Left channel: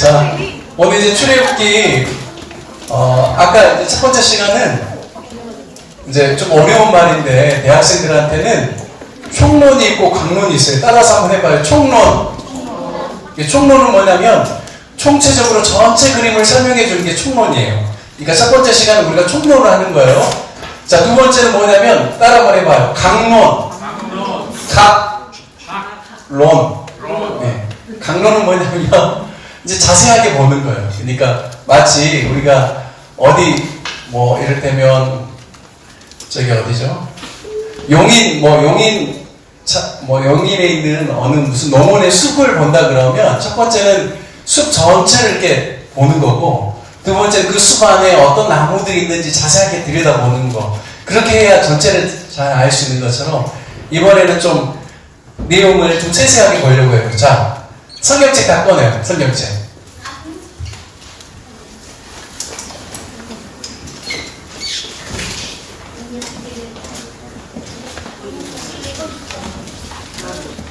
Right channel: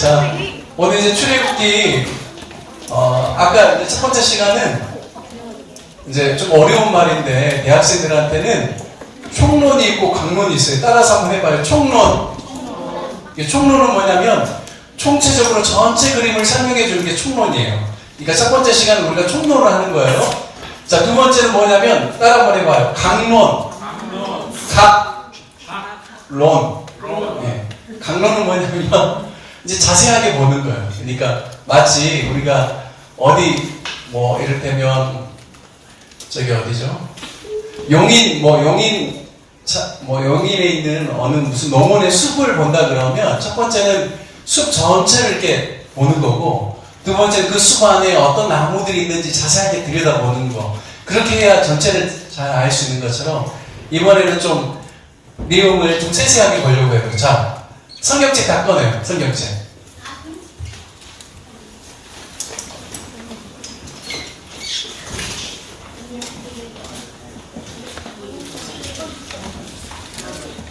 자, 오늘 이제 출애굽기 아까 이제 첫 번째 시간은 이제 좀 어려운 말인데 대학생들한테는 총론이 있고 강론이 있어요. 따라서 한번 해봐요. 총론. 총론은 뭐냐면 총체적으로 전체 그림을 설명해 주는 게 총론이에요. 그러니까 첫 번째 시간은 우리가 총론을 하는 거예요. 자, 두 번째는 뭐냐면 따라 한번 해봐요. 강론. 론. 네. 강론은 뭐냐면 이제 자세하게 보는 거예요. 그러니까 마치 우리가 어디 뭐 이를테면 저기 어디죠? 용인에 있는 어느 무슨 농원의 숲을 본다 그러면 첫 번째는 숲 전체를 이렇게 보는 거고, 두 번째는 그 숲 안에 어떤 나무들이 있는지 자세하게 들여다보는 거. 그렇게 해야 전체를 잘 알 수 있는 것처럼 이번에는 좀 내용을 좀 세세하게 보려고 해요. 자, 성경책 다 꺼내요. 성경책.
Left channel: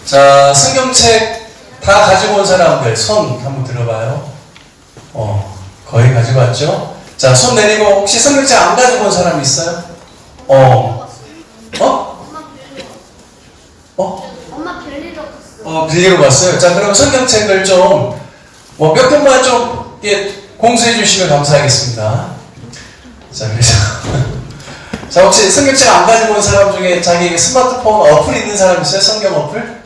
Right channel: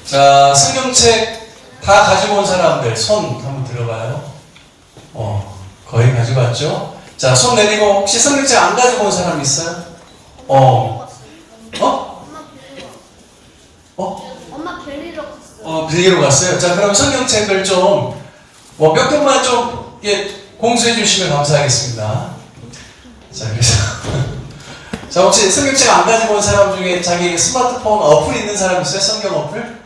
자, 성경책 다 가지고 온 사람들 손 한번 들어봐요. 거의 가지고 왔죠? 자, 손 내리고 혹시 성경책 안 가지고 온 사람 있어요? 엄마 빌리러 갔어요. 빌리러 갔어요. 자, 그럼 성경책을 좀 몇 편만 좀 공수해 주시면 감사하겠습니다. 자, 그래서 자, 혹시 성경책 안 가지고 온 사람 중에 자기 스마트폰 어플 있는 사람 있어요? 성경 어플?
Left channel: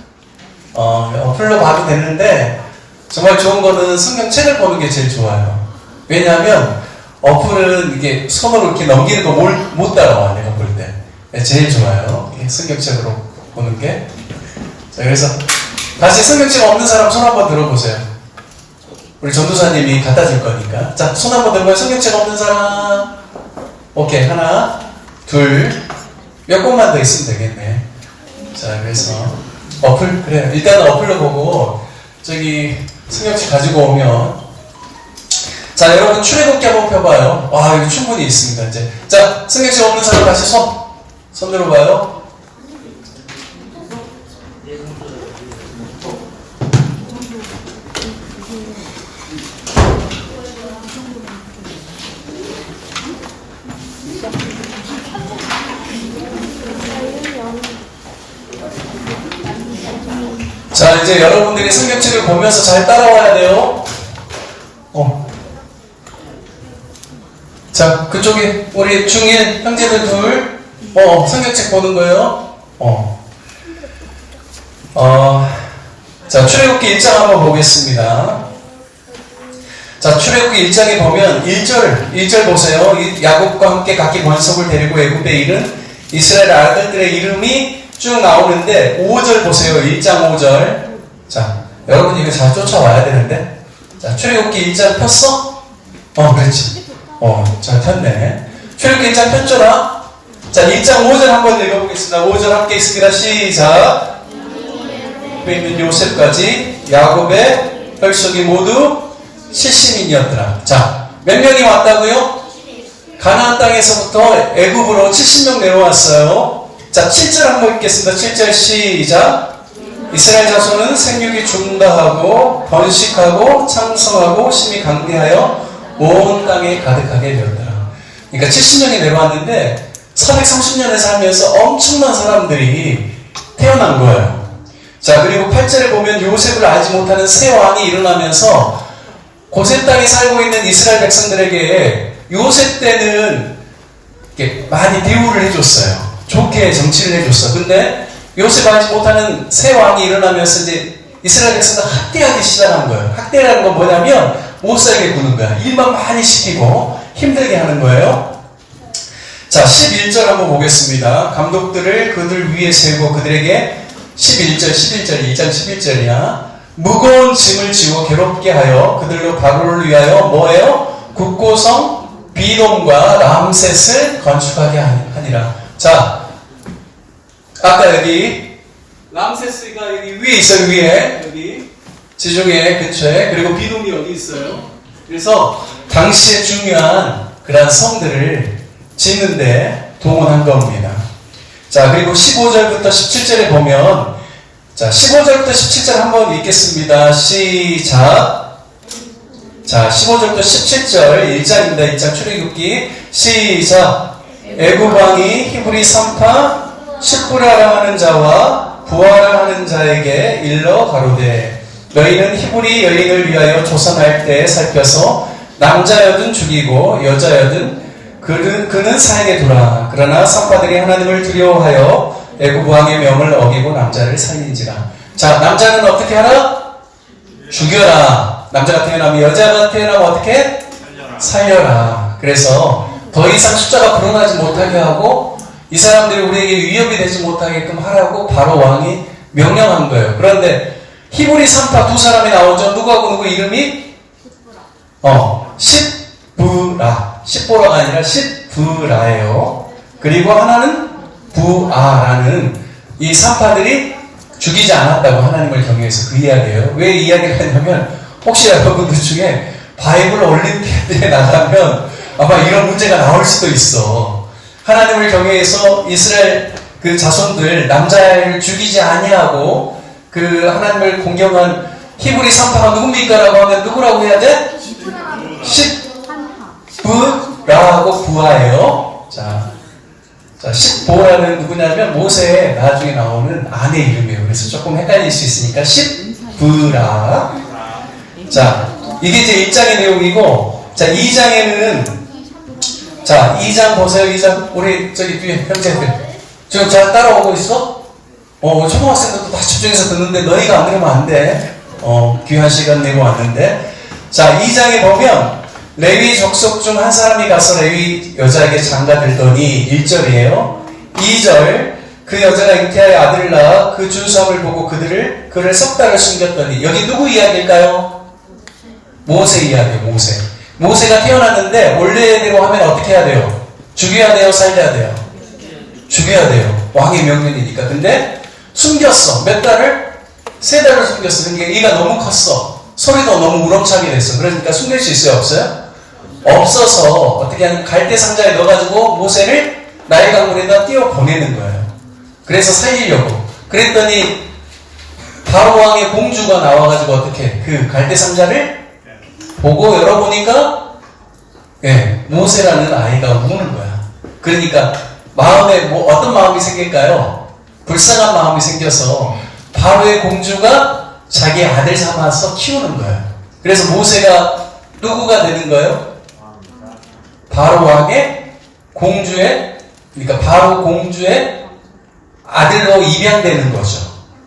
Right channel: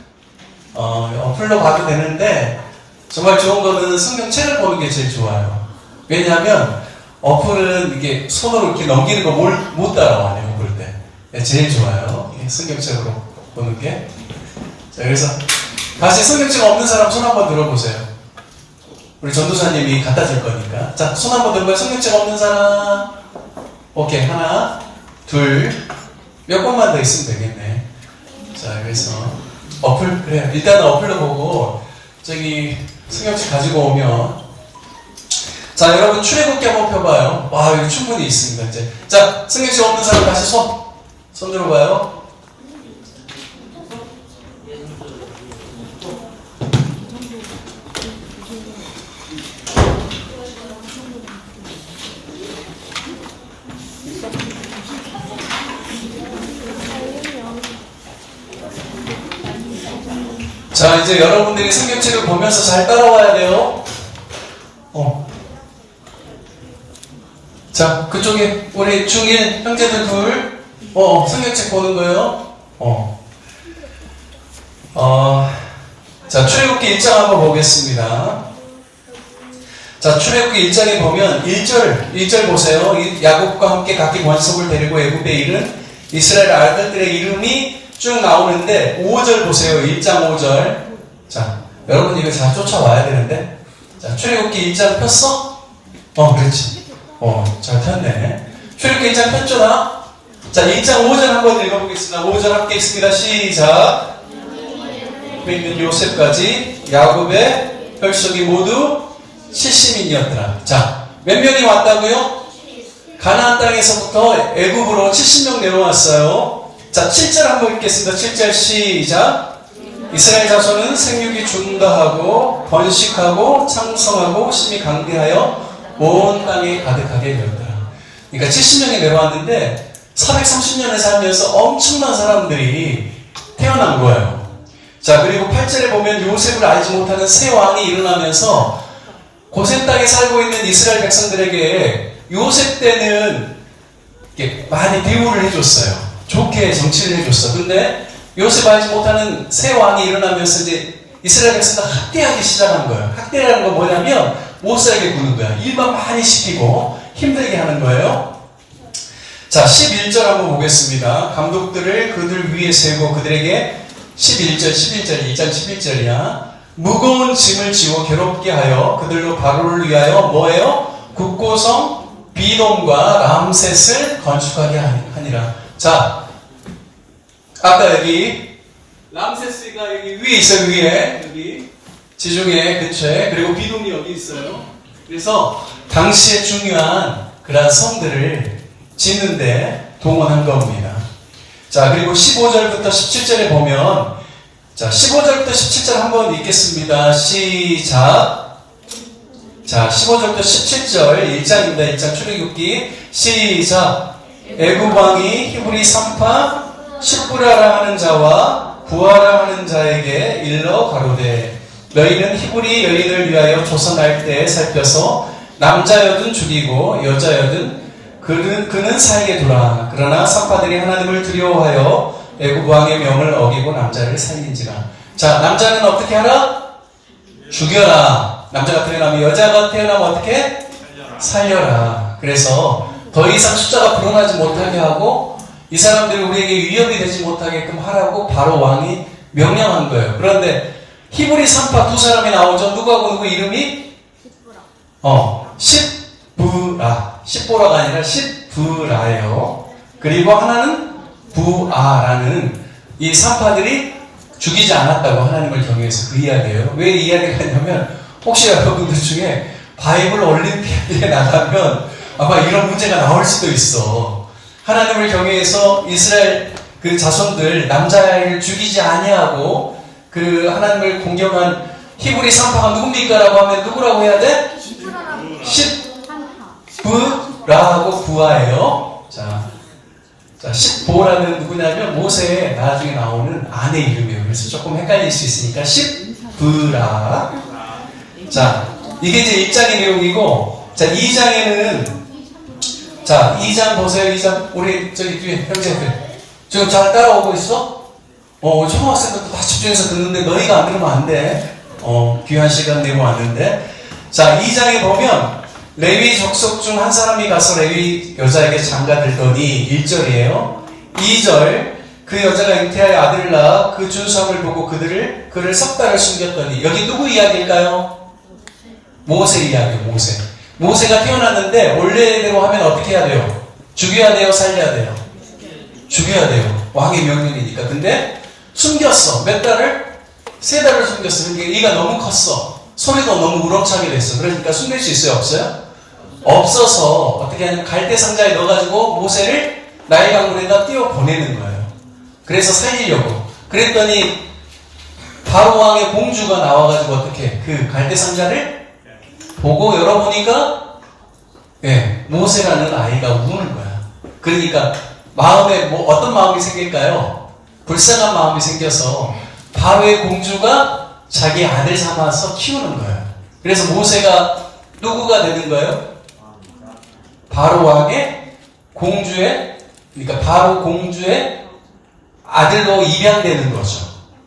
어플로 봐도 되는데 정말 좋은 거는 성경책을 보는 게 제일 좋아요. 왜냐하면 어플은 이게 손으로 이렇게 넘기는 거 못 따라와, 내가 볼 때. 네, 제일 좋아요. 성경책으로 보는 게. 자, 그래서 다시 성경책 없는 사람 손 한번 들어보세요. 우리 전도사님이 갖다 줄 거니까. 자, 손 한번 들어봐요. 성경책 없는 사람. 오케이. 하나, 둘. 몇 권만 더 있으면 되겠네. 자, 그래서 어플, 그래요. 일단은 어플로 보고 저기 성경책 가지고 오면, 자, 여러분 출애굽기 한번 펴봐요. 와, 이거 충분히 있습니다. 이제 자, 성경책 없는 사람 다시 손 들어봐요. 자, 이제 여러분들이 성경책을 보면서 잘 따라와야 돼요. 자, 그쪽에 우리 중1 형제들 둘, 성경책 보는 거예요. 자, 출애굽기 1장 한번 보겠습니다. 자, 출애굽기 1장에 보면 1절 보세요. 야곱과 함께 각기 권속을 데리고 애굽에 이른 이스라엘 아들들의 이름이 쭉 나오는데 5절 보세요. 1장 5절. 자, 여러분 이거 잘 쫓아와야 되는데. 자, 출애굽기 1장 폈어? 그렇지. 잘 폈네. 출애굽기 1장 폈잖아. 자, 1장 5절 한번 읽어보겠습니다. 5절 함께 있습니다. 시작. 옆에 있는 요셉까지 야곱의 혈속이 모두 70인이었더라. 자, 몇 명이 왔다고요? 가나안 땅에서부터 애굽으로 70명 내려왔어요. 자, 7절 한번 읽겠습니다. 7절 시작. 이스라엘 자손은 생육이 중다하고 번식하고 창성하고 심히 강대하여 온 땅에 가득하게 되었더라. 그러니까 70명이 내려왔는데 430년을 살면서 엄청난 사람들이 태어난 거예요. 자, 그리고 8절에 보면 요셉을 알지 못하는 새 왕이 일어나면서 고센 땅에 살고 있는 이스라엘 백성들에게 요셉 때는 이렇게 많이 대우를 해줬어요. 좋게 정치를 해줬어. 근데 요셉 알지 못하는 새 왕이 일어나면서 이제 이스라엘 백성들 학대하기 시작한 거예요. 학대라는 건 뭐냐면 못 살게 구는 거야. 일만 많이 시키고 힘들게 하는 거예요. 자, 11절 한번 보겠습니다. 감독들을 그들 위에 세우고 그들에게 11절 2장 11절이야. 무거운 짐을 지워 괴롭게 하여 그들로 바로를 위하여 뭐예요? 국고성 비돔과 람셋을 건축하게 하니라. 자, 아까 여기 람세스가 여기 위에 있어요. 위에 여기 지중해 근처에. 그리고 비돔이 여기 있어요. 그래서 당시에 중요한 그러한 성들을 짓는데 동원한 겁니다. 자, 그리고 15절부터 17절에 보면, 자, 15절부터 17절 한번 읽겠습니다. 시작. 자, 15절부터 17절 1장입니다. 1장 출애굽기 시작. 애굽 왕이 히브리 산파 십부라라 하는 자와 부하라 하는 자에게 일러 가로되 너희는 히브리 여인을 위하여 조선할 때 살펴서 남자여든 죽이고 여자여든 그는 사에게 두라. 그러나 산파들이 하나님을 두려워하여 애굽 왕의 명을 어기고 남자를 살린지라. 자, 남자는 어떻게 하라? 죽여라. 남자가 태어나면, 여자가 태어나면 어떻게? 살려라. 그래서 더 이상 숫자가 불어나지 못하게 하고 이 사람들이 우리에게 위협이 되지 못하게끔 하라고 바로 왕이 명령한 거예요. 그런데 히브리 산파 두 사람이 나오죠. 누구하고 누구 이름이? 십부라. 십보라가 아니라 십부라예요. 그리고 하나는 부아라는 이 산파들이 죽이지 않았다고 하나님을 경외해서 그 이야기예요. 왜 이 이야기를 했냐면 혹시 여러분들 중에 바이블 올림피아드에 나가면 아마 이런 문제가 나올 수도 있어. 하나님을 경외해서 이스라엘 그 자손들 남자를 죽이지 아니하고 그 하나님을 공경한 히브리 산파가 누굽니까? 라고 하면 누구라고 해야 돼? 십부라고 부하예요. 자, 십보라는 누구냐면 모세의 나중에 나오는 아내 이름이에요. 그래서 조금 헷갈릴 수 있으니까 십부라. 자, 이게 이제 1장의 내용이고, 자, 2장에는 자, 2장 보세요. 2장 우리 저기 뒤에 형제들 지금 잘 따라오고 있어? 초등학생들도 다 집중해서 듣는데 너희가 안 들으면 안 돼. 귀한 시간 내고 왔는데. 자, 2장에 보면 레위 족속 중 한 사람이 가서 레위 여자에게 장가들더니 1절이에요. 2절 그 여자가 잉태하여 아들을 낳아 그 준수함을 보고 그를 석 달을 숨겼더니 여기 누구 이야기일까요? 모세 이야기예요. 모세가 태어났는데 원래대로 하면 어떻게 해야 돼요? 죽여야 돼요? 살려야 돼요? 죽여야 돼요. 왕의 명령이니까. 근데 숨겼어. 몇 달을? 3달을 숨겼어. 그러니까 이가 너무 컸어. 소리도 너무 우렁차게 됐어. 그러니까 숨길 수 있어요? 없어요? 없어서 어떻게 하냐면 갈대 상자에 넣어가지고 모세를 나일 강물에다 띄워 보내는 거예요. 그래서 살리려고. 그랬더니 바로 왕의 공주가 나와가지고 어떻게 그 갈대 상자를 보고 열어보니까 모세라는 아이가 우는 거야. 그러니까 마음에 어떤 마음이 생길까요? 불쌍한 마음이 생겨서 바로의 공주가 자기 아들 삼아서 키우는 거예요. 그래서 모세가 누구가 되는 거예요? 바로 왕의 공주의, 그러니까 바로 공주의 아들로 입양되는 거죠.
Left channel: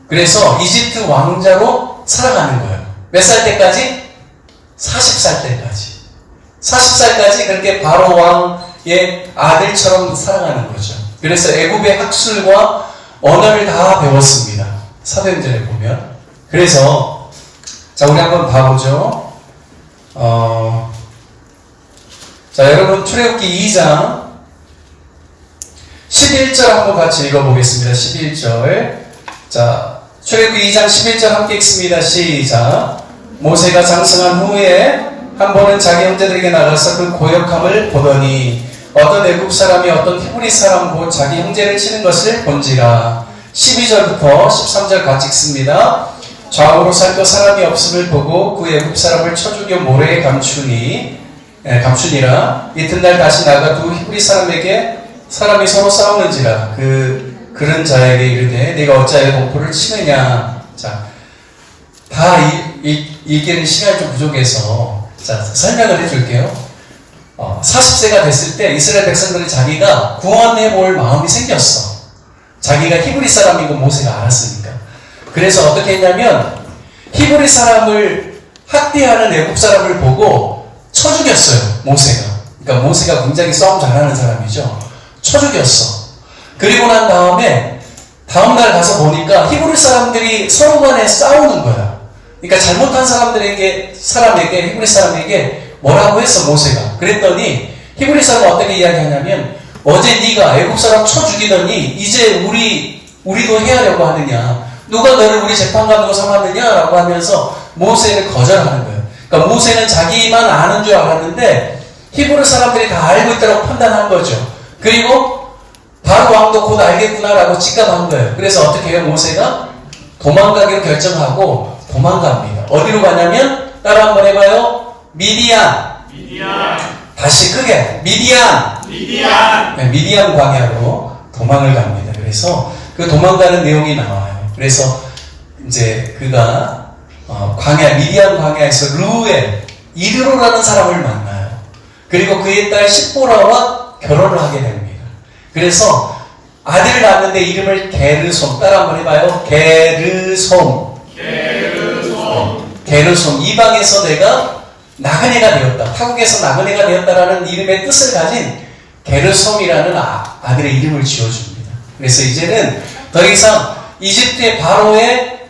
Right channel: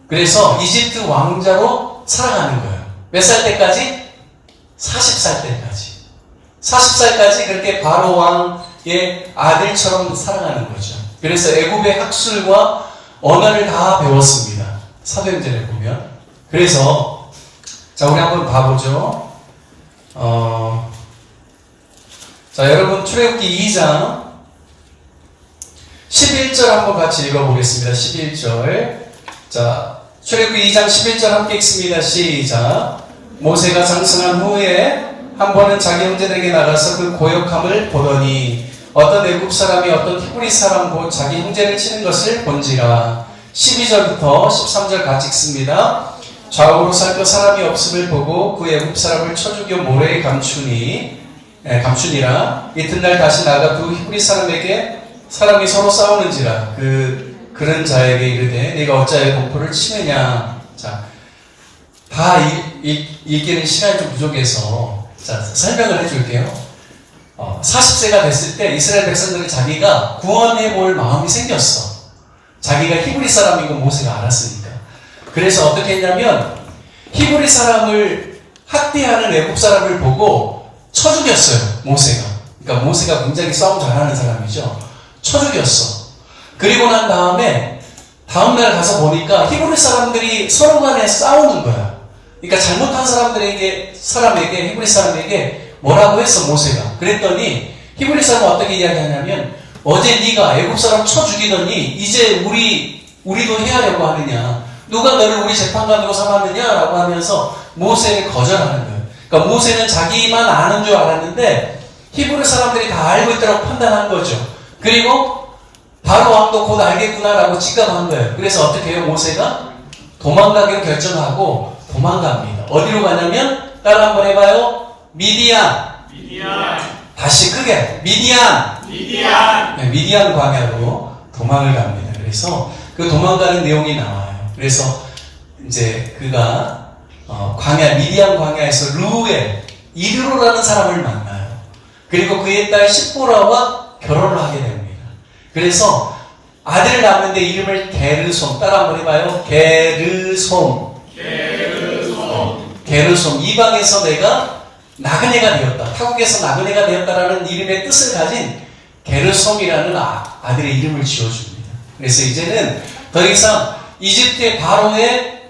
그래서 이집트 왕자로 살아가는 거예요. 몇 살 때까지? 40살 때까지. 40살까지 그렇게 바로 왕의 아들처럼 살아가는 거죠. 그래서 애굽의 학술과 언어를 다 배웠습니다. 사도행전에 보면. 그래서 자, 우리 한번 봐보죠. 자, 여러분 출애굽기 2장 11절 한번 같이 읽어보겠습니다. 11절. 자, 출애굽기 2장 11절 함께 읽습니다. 시작. 모세가 장성한 후에 한 번은 자기 형제들에게 나가서 그 고역함을 보더니 어떤 애굽 사람이 어떤 히브리 사람 곧 자기 형제를 치는 것을 본지라. 12절부터 13절 같이 읽습니다. 좌우로 살펴 사람이 없음을 보고 그 애굽 사람을 쳐 죽여 모래에 감추니라. 이튿날 다시 나가 두 히브리 사람이 서로 싸우는지라. 그런 자에게 이르되 네가 어찌하여 동포를 치느냐. 자, 다 읽기는 시간이 좀 부족해서 자, 설명을 해줄게요. 40세가 됐을 때 이스라엘 백성들은 자기가 구원해 볼 마음이 생겼어. 자기가 히브리 사람인 거 모세가 알았으니까. 그래서 어떻게 했냐면 히브리 사람을 학대하는 애굽 사람을 보고 쳐 죽였어요. 모세가. 그러니까 모세가 굉장히 싸움 잘하는 사람이죠. 쳐 죽였어. 그리고 난 다음날 가서 보니까 히브리 사람들이 서로 간에 싸우는 거야. 그러니까 잘못한 사람에게 히브리 사람에게 뭐라고 했어, 모세가. 그랬더니 히브리 사람은 어떻게 이야기하냐면 어제 네가 애굽 사람 쳐 죽이더니 이제 우리도 해야 하려고 하느냐. 누가 너를 우리 재판관으로 삼았느냐라고 하면서 모세를 거절하는 거예요. 그러니까 모세는 자기만 아는 줄 알았는데 히브리 사람들이 다 알고 있다고 판단한 거죠. 그리고 바로 왕도 곧 알겠구나라고 직감한 거예요. 그래서 어떻게 해요? 모세가 도망가기로 결정하고 도망갑니다. 어디로 가냐면 따라 한번 해봐요. 미디안. 미디안. 다시 크게 미디안. 미디안. 네, 미디안 광야로 도망을 갑니다. 그래서 그 도망가는 내용이 나와요. 그래서 이제 그가 광야 미디안 광야에서 루엘 이드로라는 사람을 만나요. 그리고 그의 딸 십보라와 결혼을 하게 됩니다. 그래서 아들을 낳는데 이름을 게르솜, 따라 한번 해봐요. 게르솜. 게르솜. 이방에서 내가 나그네가 되었다. 타국에서 나그네가 되었다라는 이름의 뜻을 가진 게르솜이라는 아들의 이름을 지어줍니다. 그래서 이제는 더 이상 이집트의 바로의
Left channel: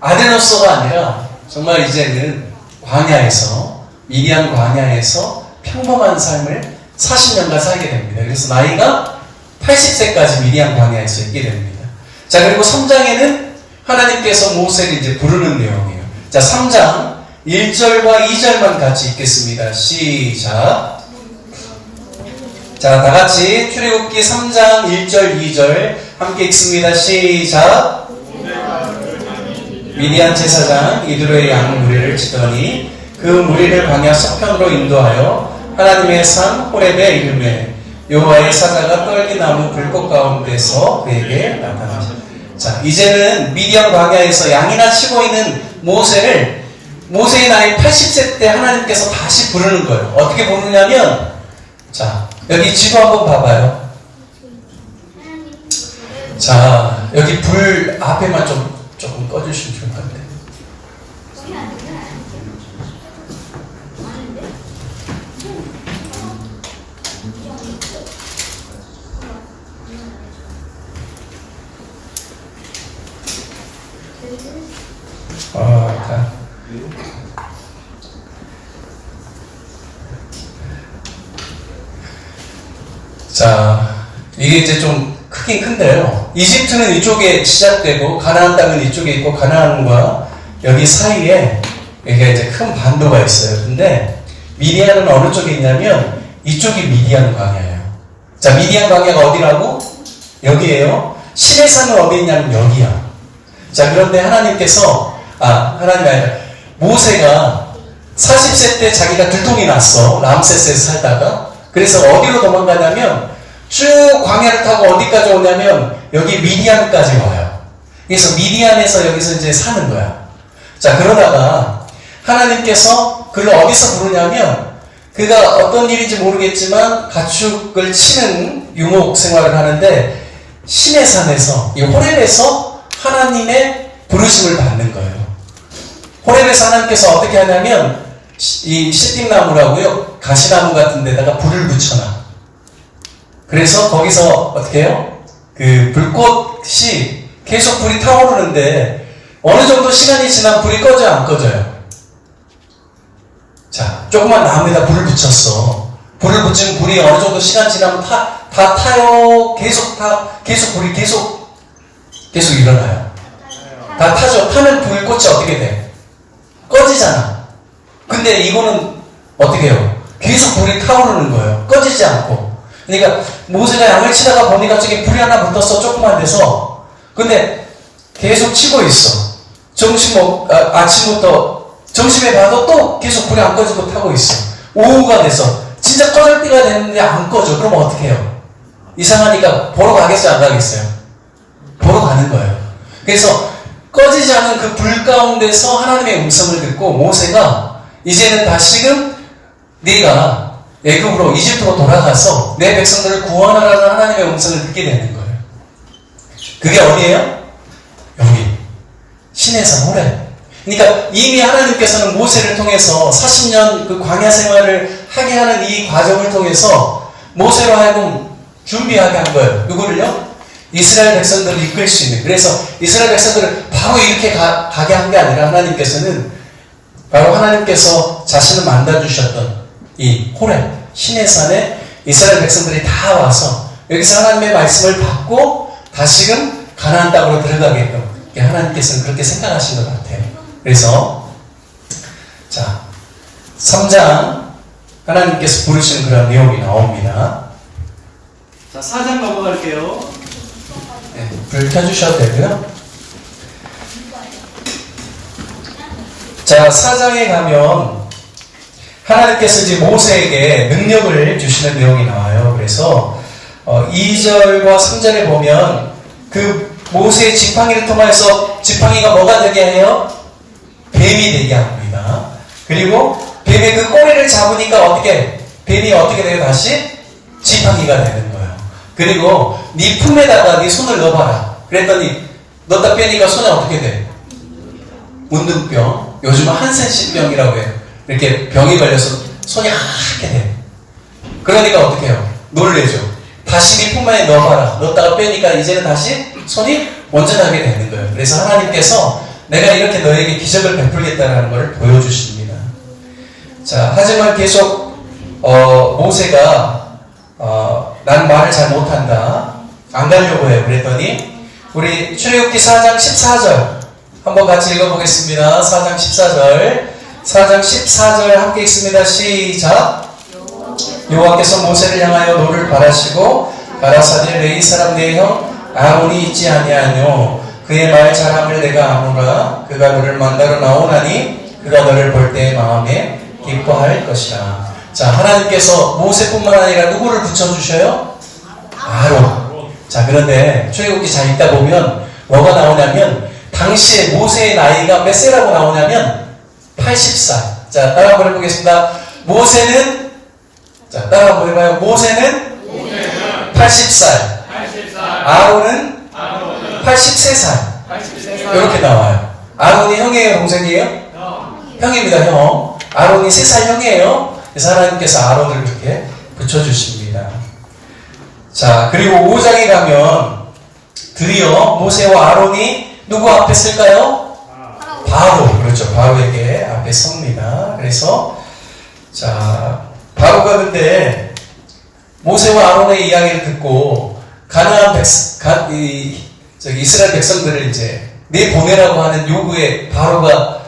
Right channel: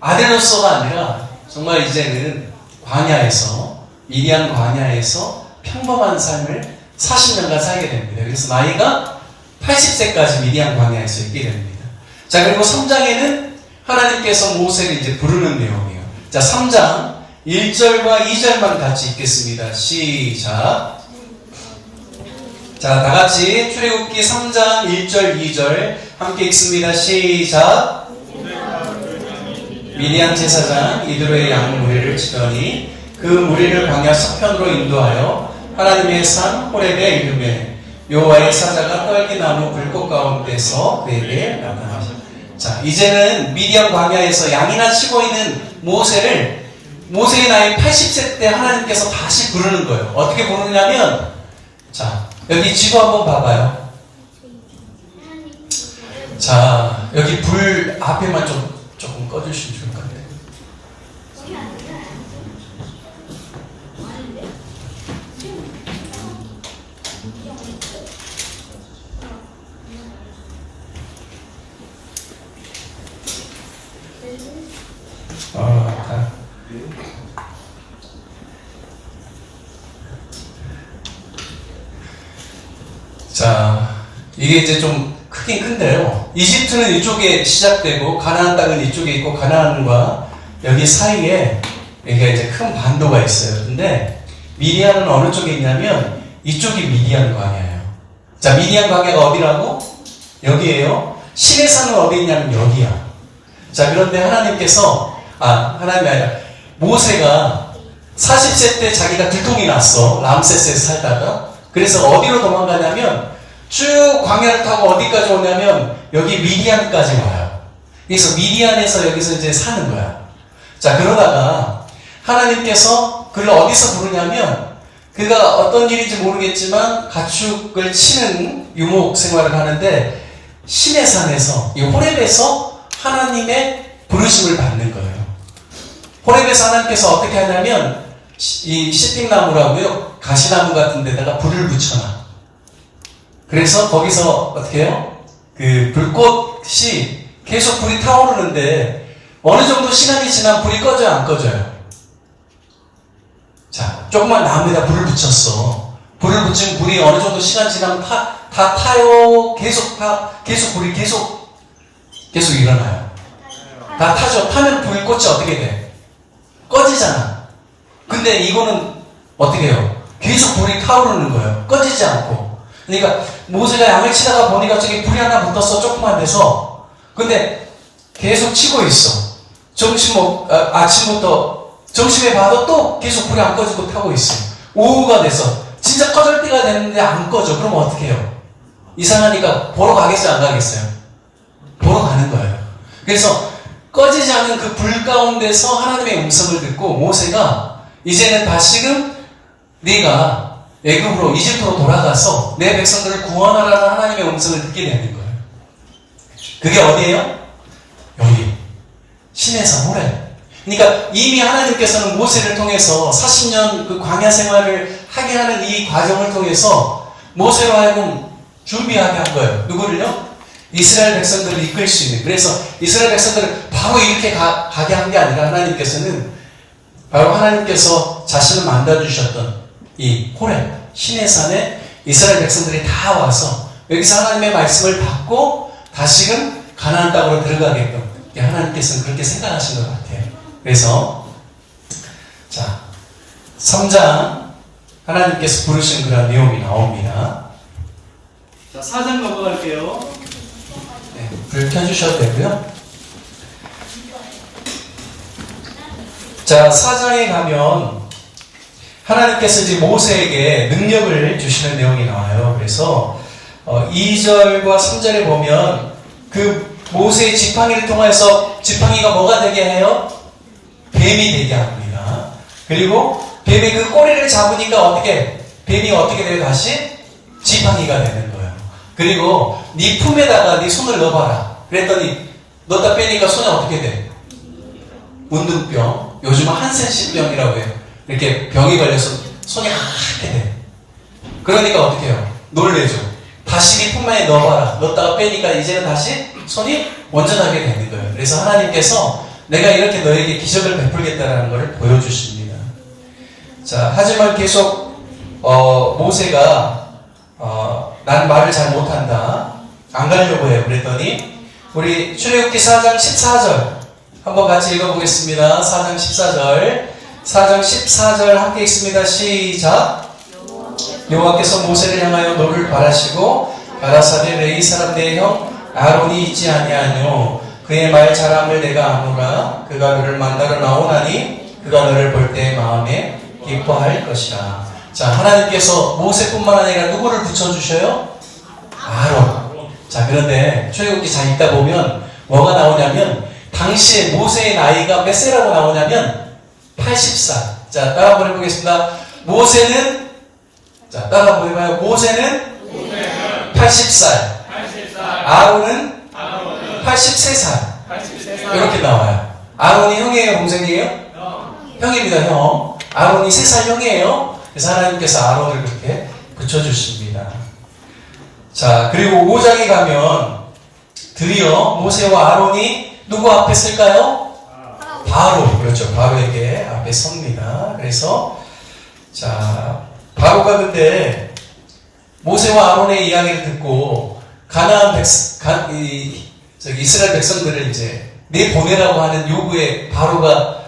아들로서가 아니라 정말 이제는 광야에서, 미디안 광야에서 평범한 삶을 40년간 살게 됩니다. 그래서 나이가 80세까지 미디안 광야에서 있게 됩니다. 자, 그리고 3장에는 하나님께서 모세를 이제 부르는 내용이에요. 자, 3장 1절과 2절만 같이 읽겠습니다. 시작. 자, 다 같이 출애굽기 3장 1절, 2절 함께 읽습니다. 시작. 미디안 제사장 이드로의 양 무리를 치더니 그 무리를 광야 서편으로 인도하여 하나님의 산 호렙에 이르매 여호와의 사자가 떨기나무 불꽃 가운데서 그에게 나타나셨다. 자, 이제는 미디안 광야에서 양이나 치고 있는 모세의 나이 80세 때 하나님께서 다시 부르는 거예요. 어떻게 부르냐면, 자, 여기 지도 한번 봐봐요. 자, 여기 불 앞에만 조금 꺼주시면 좋을 것 같아요. 자, 이게 이제 좀 크긴 큰데요. 이집트는 이쪽에 시작되고 가나안 땅은 이쪽에 있고 가나안과 여기 사이에 여기가 이제 큰 반도가 있어요. 근데 미디안은 어느 쪽에 있냐면 이쪽이 미디안 광야예요. 자, 미디안 광야가 어디라고? 여기에요. 신의 산은 어디 있냐면 여기야. 자, 그런데 하나님께서 하나님이 아니라 모세가 40세 때 자기가 들통이 났어. 람세스에서 살다가. 그래서 어디로 도망가냐면 쭉 광야를 타고 어디까지 오냐면 여기 미디안까지 와요. 그래서 미디안에서 여기서 이제 사는 거야. 자, 그러다가 하나님께서 그를 어디서 부르냐면 그가 어떤 일인지 모르겠지만 가축을 치는 유목 생활을 하는데 신의 산에서, 이 호렙에서 하나님의 부르심을 받는 거예요. 호렙에서 하나님께서 어떻게 하냐면 이 시띵나무라고요, 가시나무 같은 데다가 불을 붙여놔. 그래서 거기서 어떻게 해요? 그 불꽃이 계속 불이 타오르는데 어느 정도 시간이 지나면 불이 꺼져요, 안 꺼져요? 자, 조그만 나무에다 불을 붙였어. 불을 붙이면 불이 어느 정도 시간 지나면 다 타요. 계속 불이 계속 일어나요. 다 타죠. 타면 불꽃이 어떻게 돼? 꺼지잖아. 근데 이거는 어떻게 해요? 계속 불이 타오르는 거예요. 꺼지지 않고. 그러니까 모세가 양을 치다가 보니까 저기 불이 하나 붙었어. 조그만 데서. 근데 계속 치고 있어. 아침부터 점심에 봐도 또 계속 불이 안 꺼지고 타고 있어. 오후가 돼서 진짜 꺼질 때가 됐는데 안 꺼져. 그럼 어떻게 해요? 이상하니까 보러 가겠어요? 안 가겠어요? 보러 가는 거예요. 그래서 꺼지지 않은 그 불 가운데서 하나님의 음성을 듣고 모세가 이제는 다시금 네가 애굽으로 이집트로 돌아가서 내 백성들을 구원하라는 하나님의 음성을 듣게 되는 거예요. 그게 어디예요? 여기 신의 산 호렙. 그러니까 이미 하나님께서는 모세를 통해서 40년 그 광야 생활을 하게 하는 이 과정을 통해서 모세로 하여금 준비하게 한 거예요. 누구를요? 이스라엘 백성들을 이끌 수 있는. 그래서 이스라엘 백성들을 바로 이렇게 가게 한 게 아니라 하나님께서는 바로 하나님께서 자신을 만들어주셨던 이 호렙, 신의 산에 이스라엘 백성들이 다 와서 여기서 하나님의 말씀을 받고 다시금 가나안 땅으로 들어가게끔 하나님께서는 그렇게 생각하신 것 같아요. 그래서 자, 3장 하나님께서 부르시는 그런 내용이 나옵니다. 자, 4장 넘어갈게요. 네, 불 켜주셔도 되고요. 자, 4장에 가면 하나님께서 이제 모세에게 능력을 주시는 내용이 나와요. 그래서 2절과 3절에 보면 그 모세의 지팡이를 통해서 지팡이가 뭐가 되게 해요? 뱀이 되게 합니다. 그리고 뱀의 그 꼬리를 잡으니까 뱀이 어떻게 돼요? 다시 지팡이가 되는 거예요. 그리고 네 품에다가 네 손을 넣어봐라. 그랬더니 넣다 빼니까 손에 어떻게 돼? 운둔병, 요즘은 한센시병이라고 해요. 이렇게 병이 걸려서 손이 하얗게 돼. 그러니까 어떻게 해요? 놀래죠. 다시 네 품에 넣어봐라. 넣었다가 빼니까 이제는 다시 손이 온전하게 되는 거예요. 그래서 하나님께서 내가 이렇게 너에게 기적을 베풀겠다는 것을 보여주십니다. 자, 하지만 계속 모세가 난 말을 잘 못한다. 안 가려고 해요. 그랬더니 우리 출애굽기 4장 14절 한번 같이 읽어보겠습니다. 4장 14절 4장 14절 함께 읽습니다. 시작. 여호와께서 모세를 향하여 노를 바라시고 가라사대 레위 사람 내 형 아론이 있지 아니하뇨 그의 말 잘함을 내가 아노라 그가 너를 만나러 나오나니 그가 너를 볼 때 마음에 기뻐할 것이라. 자, 하나님께서 모세뿐만 아니라 누구를 붙여주셔요? 아론. 자, 그런데 출애굽기 잘 읽다 보면 뭐가 나오냐면 당시에 모세의 나이가 몇 세라고 나오냐면 80살. 자, 따라 한번 해보겠습니다. 모세는 자, 따라 한번 해봐요. 모세는 80살. 아론은 83살. 이렇게 나와요. 아론이 형이에요? 동생이에요? 형입니다, 형. 아론이 3살 형이에요. 그래서 하나님께서 아론을 그렇게 붙여주십니다. 자, 그리고 5장에 가면 드디어 모세와 아론이 누구 앞에 쓸까요? 바로, 그렇죠. 바로에게 앞에 섭니다. 그래서 자, 바로가 근데 모세와 아론의 이야기를 듣고 가나안 이스라엘 백성들을 이제 내보내라고 하는 요구에 바로가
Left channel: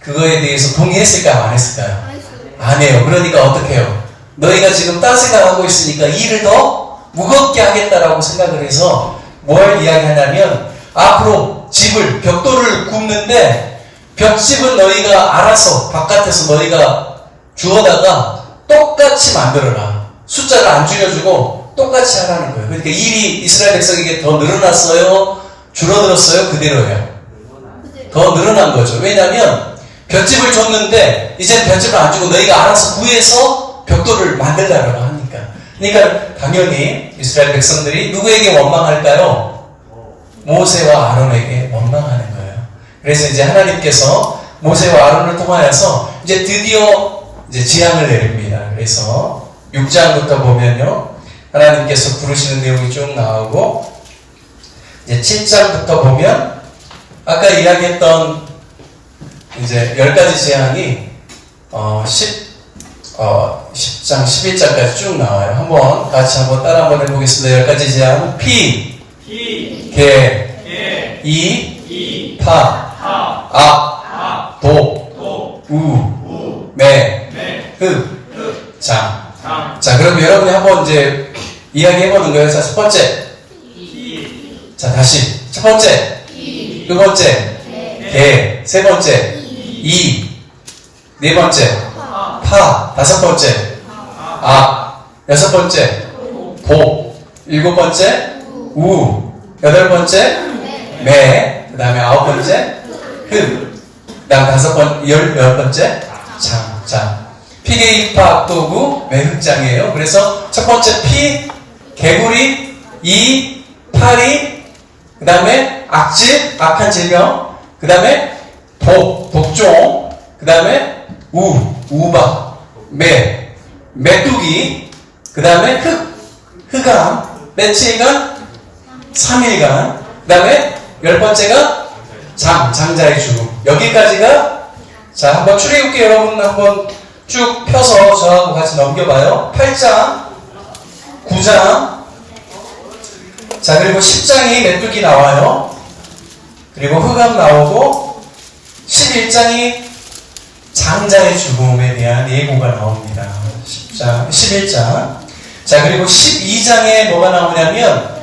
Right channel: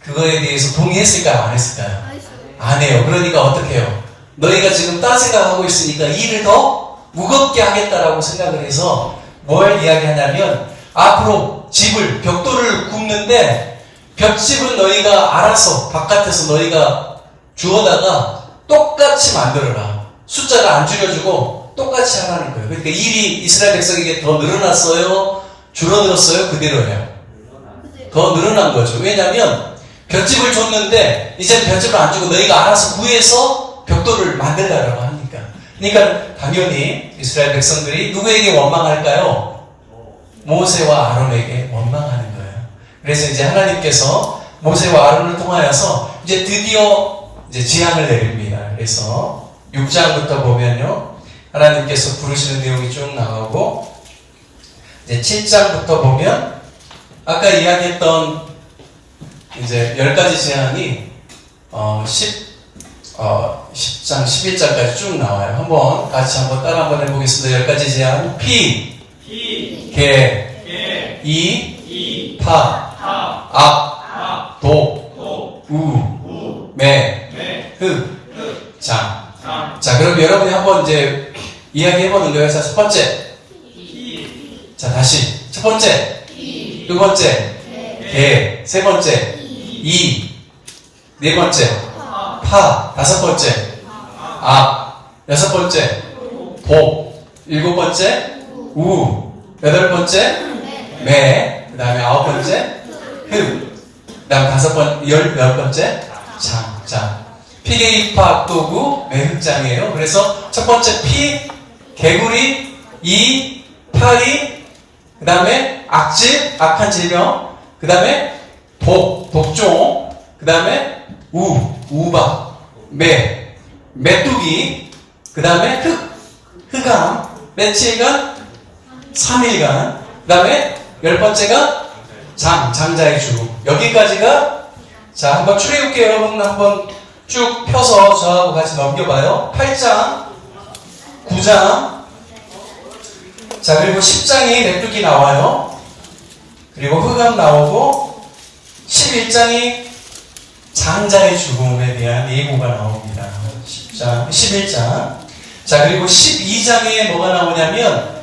그거에 대해서 동의했을까요? 안 했을까요? 안 해요. 그러니까 어떻게 해요? 너희가 지금 딴 생각하고 있으니까 일을 더 무겁게 하겠다라고 생각을 해서 뭘 이야기하냐면 앞으로 집을 벽돌을 굽는데 벽집은 너희가 알아서 바깥에서 너희가 주워다가 똑같이 만들어라. 숫자를 안 줄여주고 똑같이 하라는 거예요. 그러니까 일이 이스라엘 백성에게 더 늘어났어요? 줄어들었어요? 그대로예요. 더 늘어난 거죠. 왜냐하면 벽집을 줬는데 이제 벽집을 안 주고 너희가 알아서 구해서 벽돌을 만들라고 하니까. 그러니까 당연히 이스라엘 백성들이 누구에게 원망할까요? 모세와 아론에게 원망하는 거예요. 그래서 이제 하나님께서 모세와 아론을 통하여서 이제 드디어 이제 재앙을 내립니다. 그래서 6장부터 보면요, 하나님께서 부르시는 내용이 쭉 나오고 이제 7장부터 보면 아까 이야기했던 이제 10가지 재앙이 10장, 11장까지 쭉 나와요. 한번 같이 한번 따라 한번 해보겠습니다. 10가지 재앙. 피, 개, 이, 파, 악, 도, 우, 매, 흑, 장. 자, 그럼 여러분이 한번 이제 이야기해보는 거예요. 자, 첫 번째. 자, 다시. 첫 번째. 두 번째. 개. 세 번째. 이. 네 번째. 파. 다섯 번째. 악. 여섯 번째. 도. 일곱 번째. 우. 여덟 번째. 매. 그 다음에 아홉 번째. 흑. 그 다음 열 번째. 장. 자. 피개이파 악도구 매흑장이에요. 그래서 첫 번째 피, 개구리, 이, 파리, 그 다음에 악질, 악한 질병, 그 다음에 독종, 그 다음에 우박, 메뚜기, 그 다음에 흑암, 며칠간, 3일간, 그 다음에 10번째가 장자의 죽음. 여기까지가, 자, 한번 출애굽기 여러분 한번 쭉 펴서 저하고 같이 넘겨봐요. 8장, 9장, 자, 그리고 10장이 메뚜기 나와요. 그리고 흑암 나오고, 11장이 장자의 죽음에 대한 예고가 나옵니다. 11장. 자, 그리고 12장에 뭐가 나오냐면,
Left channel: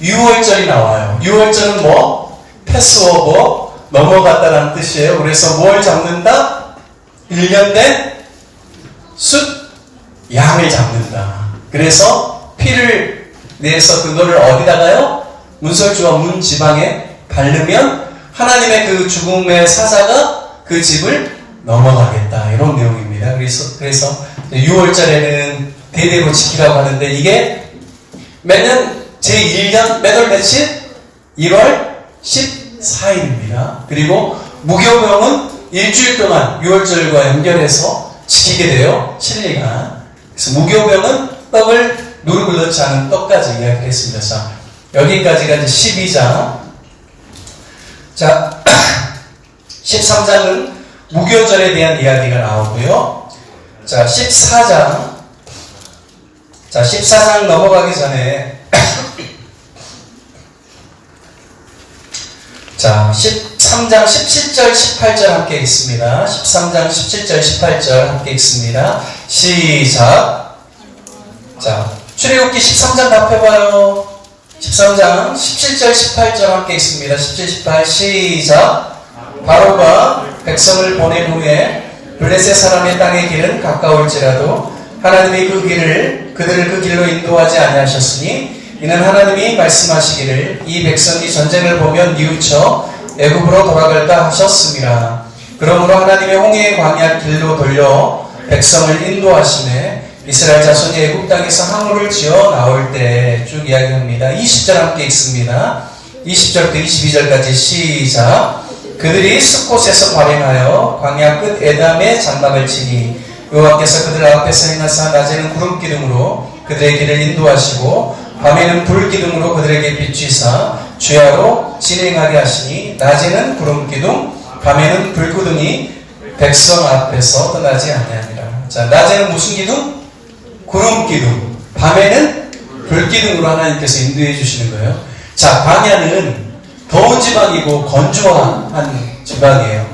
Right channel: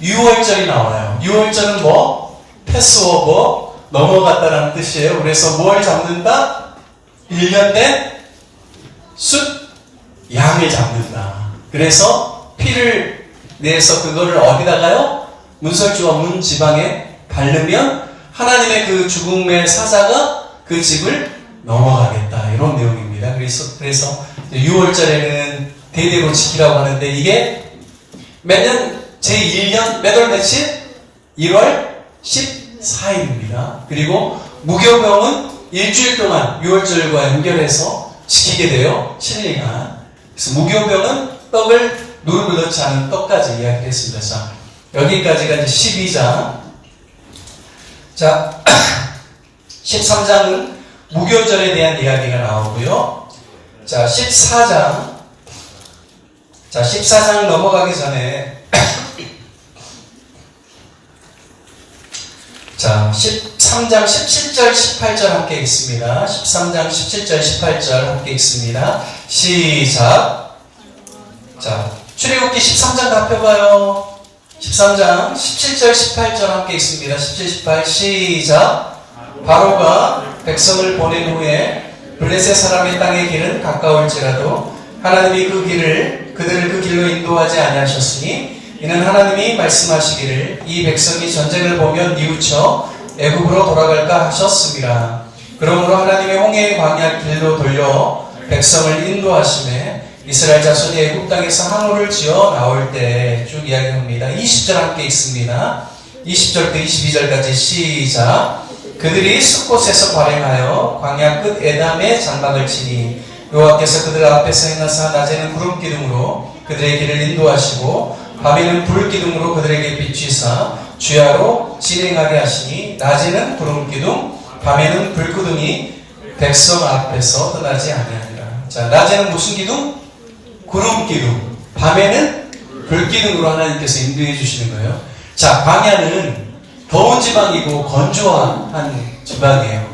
유월절이 나와요. 유월절은 뭐? 패스오버, 넘어갔다라는 뜻이에요. 그래서 뭘 잡는다? 1년 된 숫 양을 잡는다. 그래서 피를 내서 그거를 어디다가요? 문설주와 문 지방에 바르면 하나님의 그 죽음의 사자가 그 집을 넘어가겠다. 이런 내용입니다. 그래서 6월절에는 대대로 지키라고 하는데 이게 매년 제1년 몇 월 며칠? 1월 14일입니다. 그리고 무교병은 일주일 동안 6월절과 연결해서 지키게 돼요. 7일간. 그래서 무교병은 떡을 누룩을 넣지 않은 떡까지 이야기를 했습니다. 자, 여기까지가 이제 12장. 자, 13장은 무교절에 대한 이야기가 나오고요. 자, 14장. 자, 14장 넘어가기 전에 자, 13장 17절 18절 함께 읽습니다. 13장 17절 18절 함께 읽습니다. 시작. 자, 출애굽기 13장 답해봐요. 13장 17절 18절 함께 읽습니다. 17, 18 시작. 바로가 백성을 보낸 후에 블레셋 사람의 땅의 길은 가까울지라도 하나님이 그들을 그 길로 인도하지 아니하셨으니 이는 하나님이 말씀하시기를 이 백성이 전쟁을 보면 뉘우쳐 애굽으로 돌아갈까 하셨습니다. 그러므로 하나님의 홍해의 광야 길로 돌려 백성을 인도하시매 이스라엘 자손이 애굽 땅에서 항우를 지어 나올 때 쭉 이야기합니다. 20절 함께 읽습니다. 20절부터 22절까지 시작. 그들이 숲곳에서 발행하여 광야 끝 에담의 장막을 치니 여호와께서 그들 앞에서 행하사 낮에는 구름 기둥으로 그들의 길을 인도하시고 밤에는 불 기둥으로 그들에게 비추사 주야로 진행하게 하시니 낮에는 구름 기둥 밤에는 불 기둥이 백성 앞에서 떠나지 아니하니라. 자, 낮에는 무슨 기둥? 구름 기둥. 밤에는 불 기둥으로 하나님께서 인도해 주시는 거예요. 자, 광야는 더운 지방이고 건조한 지방이에요.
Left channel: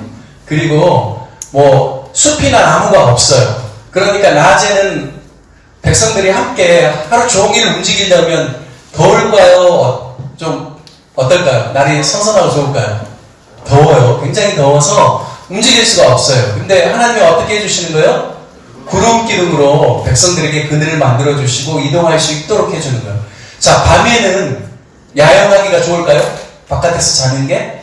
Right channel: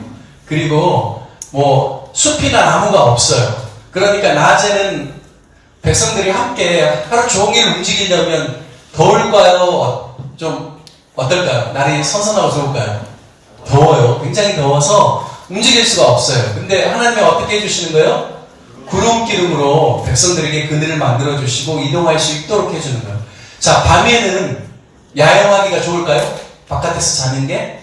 그리고 뭐 숲이나 나무가 없어요. 그러니까 낮에는 백성들이 함께 하루 종일 움직이려면 더울까요? 좀 어떨까요? 날이 선선하고 좋을까요? 더워요. 굉장히 더워서 움직일 수가 없어요. 근데 하나님이 어떻게 해주시는 거예요? 구름 기둥으로 백성들에게 그늘을 만들어 주시고 이동할 수 있도록 해주는 거예요. 자, 밤에는 야영하기가 좋을까요? 바깥에서 자는 게?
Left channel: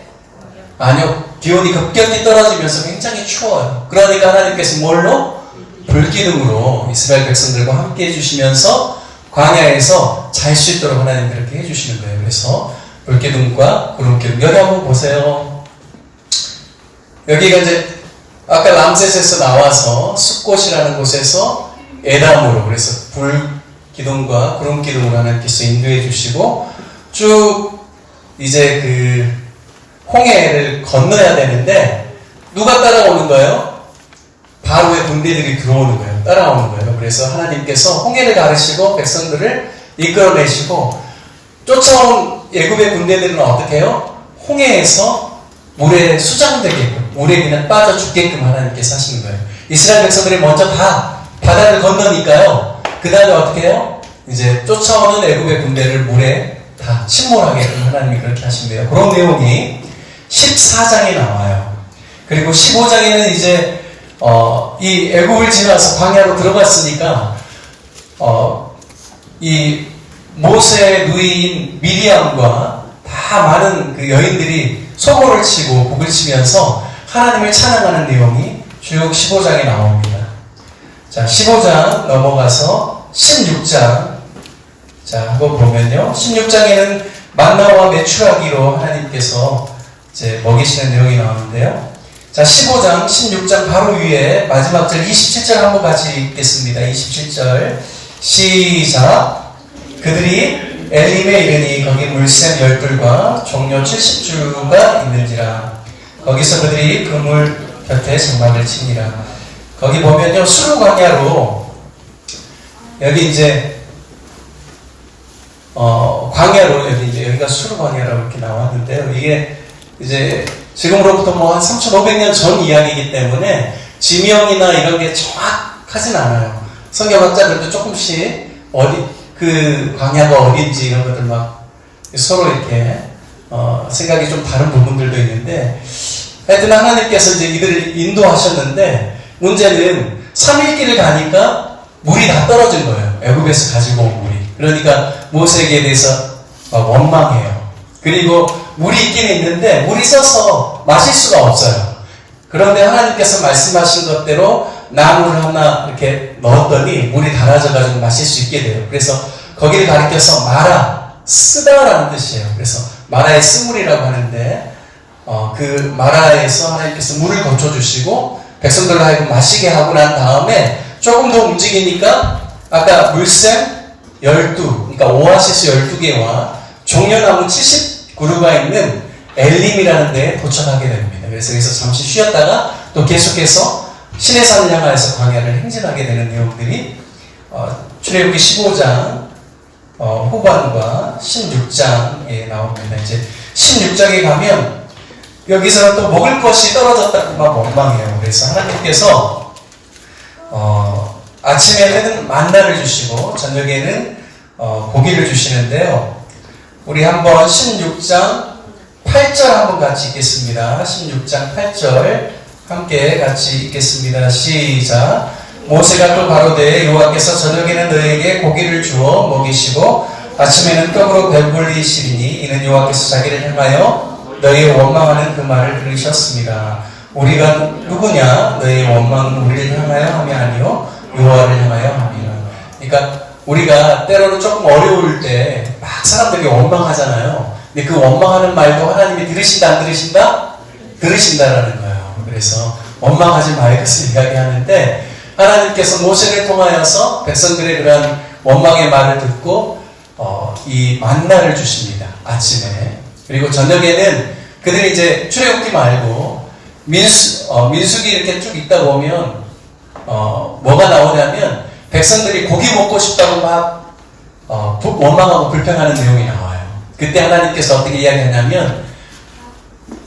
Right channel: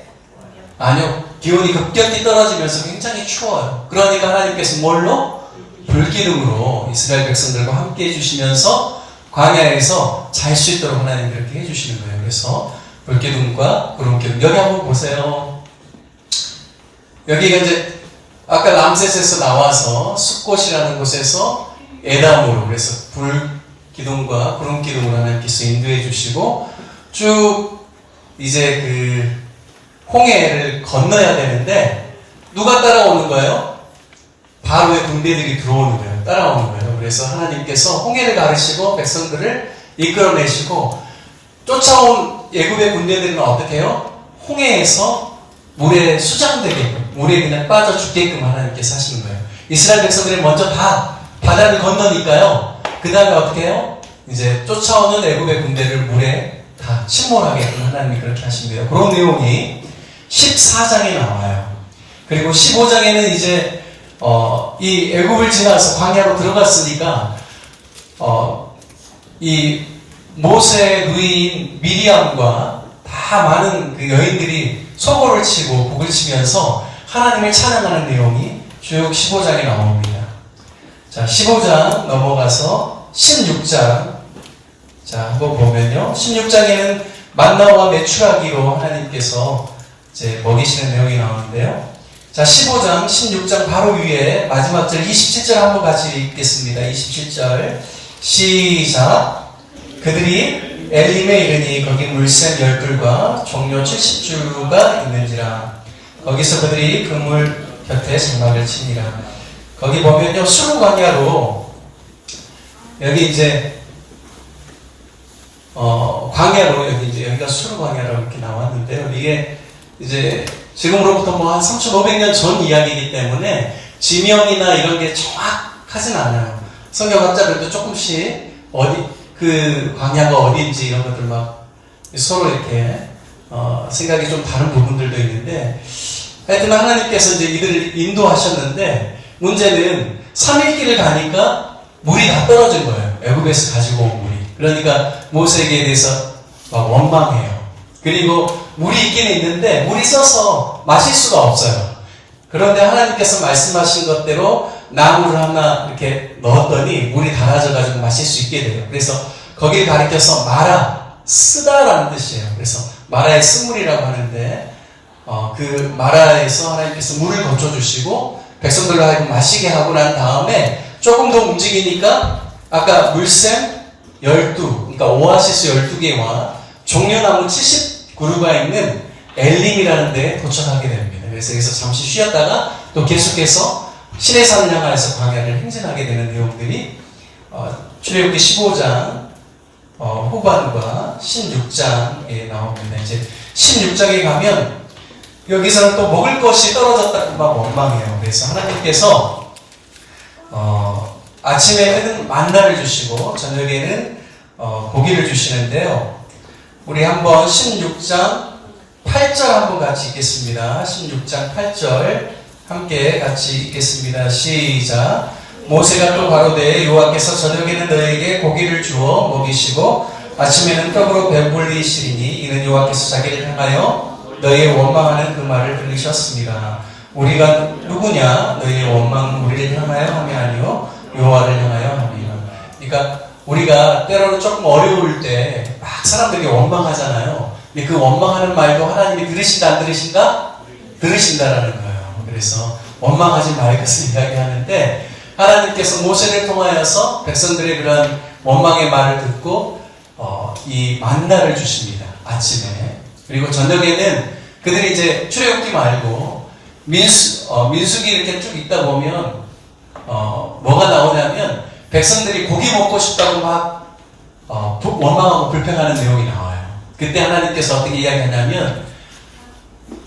아니요. 기온이 급격히 떨어지면서 굉장히 추워요. 그러니까 하나님께서 뭘로? 불기둥으로 이스라엘 백성들과 함께 해주시면서 광야에서 잘 수 있도록 하나님 그렇게 해주시는 거예요. 그래서 불기둥과 구름기둥. 여기 한번 보세요. 여기가 이제 아까 람셋에서 나와서 숲곳이라는 곳에서 에담으로 그래서 불기둥과 구름기둥으로 하나님께서 인도해 주시고 쭉 이제 그 홍해를 건너야 되는데 누가 따라오는 거예요? 바로의 군대들이 들어오는 거예요. 따라오는 거예요. 그래서 하나님께서 홍해를 가르시고 백성들을 이끌어내시고 쫓아온 애굽의 군대들은 어떻게 해요? 홍해에서 물에 수장되게끔 물에 그냥 빠져 죽게끔 하나님께서 하시는 거예요. 이스라엘 백성들이 먼저 다 바다를 건너니까요. 그 다음에 어떻게 해요? 이제 쫓아오는 애굽의 군대를 물에 다 침몰하게끔 하나님이 그렇게 하신대요. 그런 내용이 14장에 나와요. 그리고 15장에는 이제 이 애굽을 지나서 광야로 들어갔으니까 이 모세의 누이인 미리암과 다 많은 그 여인들이 소고를 치고 곡을 치면서 하나님을 찬양하는 내용이 쭉 15장에 나옵니다. 자, 15장 넘어가서 16장. 자, 한번 보면요. 16장에는 만나와 메추라기로 하나님께서 이제 먹이시는 내용이 나오는데요. 자, 15장, 16장 바로 위에 마지막 절 27절 한번 같이 읽겠습니다. 27절 시작. 그들이 엘림에 이르니 거기 물샘 10줄과 종려 70주가 있는지라. 거기서 그들이 그 물 곁에 장막을 치니라. 거기 보면요, 수르 광야로 여기 이제 광야로 여기가 수르 광야라고 이렇게 나왔는데요. 이게 이제 지금으로부터 뭐 한 3,500년 전 이야기이기 때문에 지명이나 이런 게 정확하진 않아요. 성경학자들도 조금씩 그 광야가 어딘지 이런 것들 막 서로 이렇게 생각이 좀 다른 부분들도 있는데 하여튼 하나님께서 이제 이들을 인도하셨는데 문제는 3일길을 가니까 물이 다 떨어진 거예요. 애굽에서 가지고 온 물이. 그러니까 모세에게 대해서 원망해요. 그리고 물이 있긴 있는데 물이 써서 마실 수가 없어요. 그런데 하나님께서 말씀하신 것대로 나무를 하나 이렇게 넣었더니 물이 달아져가지고 마실 수 있게 돼요. 그래서 거기를 가리켜서 마라, 쓰다라는 뜻이에요. 그래서 마라의 쓴물이라고 하는데 그 마라에서 하나님께서 물을 거쳐주시고 백성들로 하여금 마시게 하고 난 다음에 조금 더 움직이니까 아까 물샘 12, 그러니까 오아시스 12개와 종려나무 70그루가 있는 엘림이라는 데에 도착하게 됩니다. 그래서 여기서 잠시 쉬었다가 또 계속해서 신의 산을 향하여서 광야를 행진하게 되는 내용들이 출애굽기 15장 후반과 16장에 나옵니다. 이제 16장에 가면 여기서 또 먹을 것이 떨어졌다고 막 원망해요. 그래서 하나님께서 아침에는 만나를 주시고 저녁에는 고기를 주시는데요. 우리 한번 16장 8절 한번 같이 읽겠습니다. 16장 8절 함께 같이 읽겠습니다. 시작. 모세가 또 가로되 여호와께서 저녁에는 너희에게 고기를 주어 먹이시고 아침에는 떡으로 배불리시리니 이는 여호와께서 자기를 향하여 너희의 원망하는 그 말을 들으셨습니다. 우리가 누구냐? 너희의 원망은 우리를 향하여 함이 아니요 여호와를 향하여 함이라. 그러니까 우리가 때로는 조금 어려울 때 막 사람들이 원망하잖아요. 근데 그 원망하는 말도 하나님이 들으신다 안 들으신다? 들으신다라는 거예요. 그래서 원망하지 말 것을 이야기하는데 하나님께서 모세를 통하여서 백성들의 그런 원망의 말을 듣고 이 만나를 주십니다. 아침에. 그리고 저녁에는 그들이 이제 출애굽기 말고 민수기 이렇게 쭉 읽다 보면 뭐가 나오냐면 백성들이 고기 먹고 싶다고 막 원망하고 불평하는 내용이 나와요. 그때 하나님께서 어떻게 이야기하냐면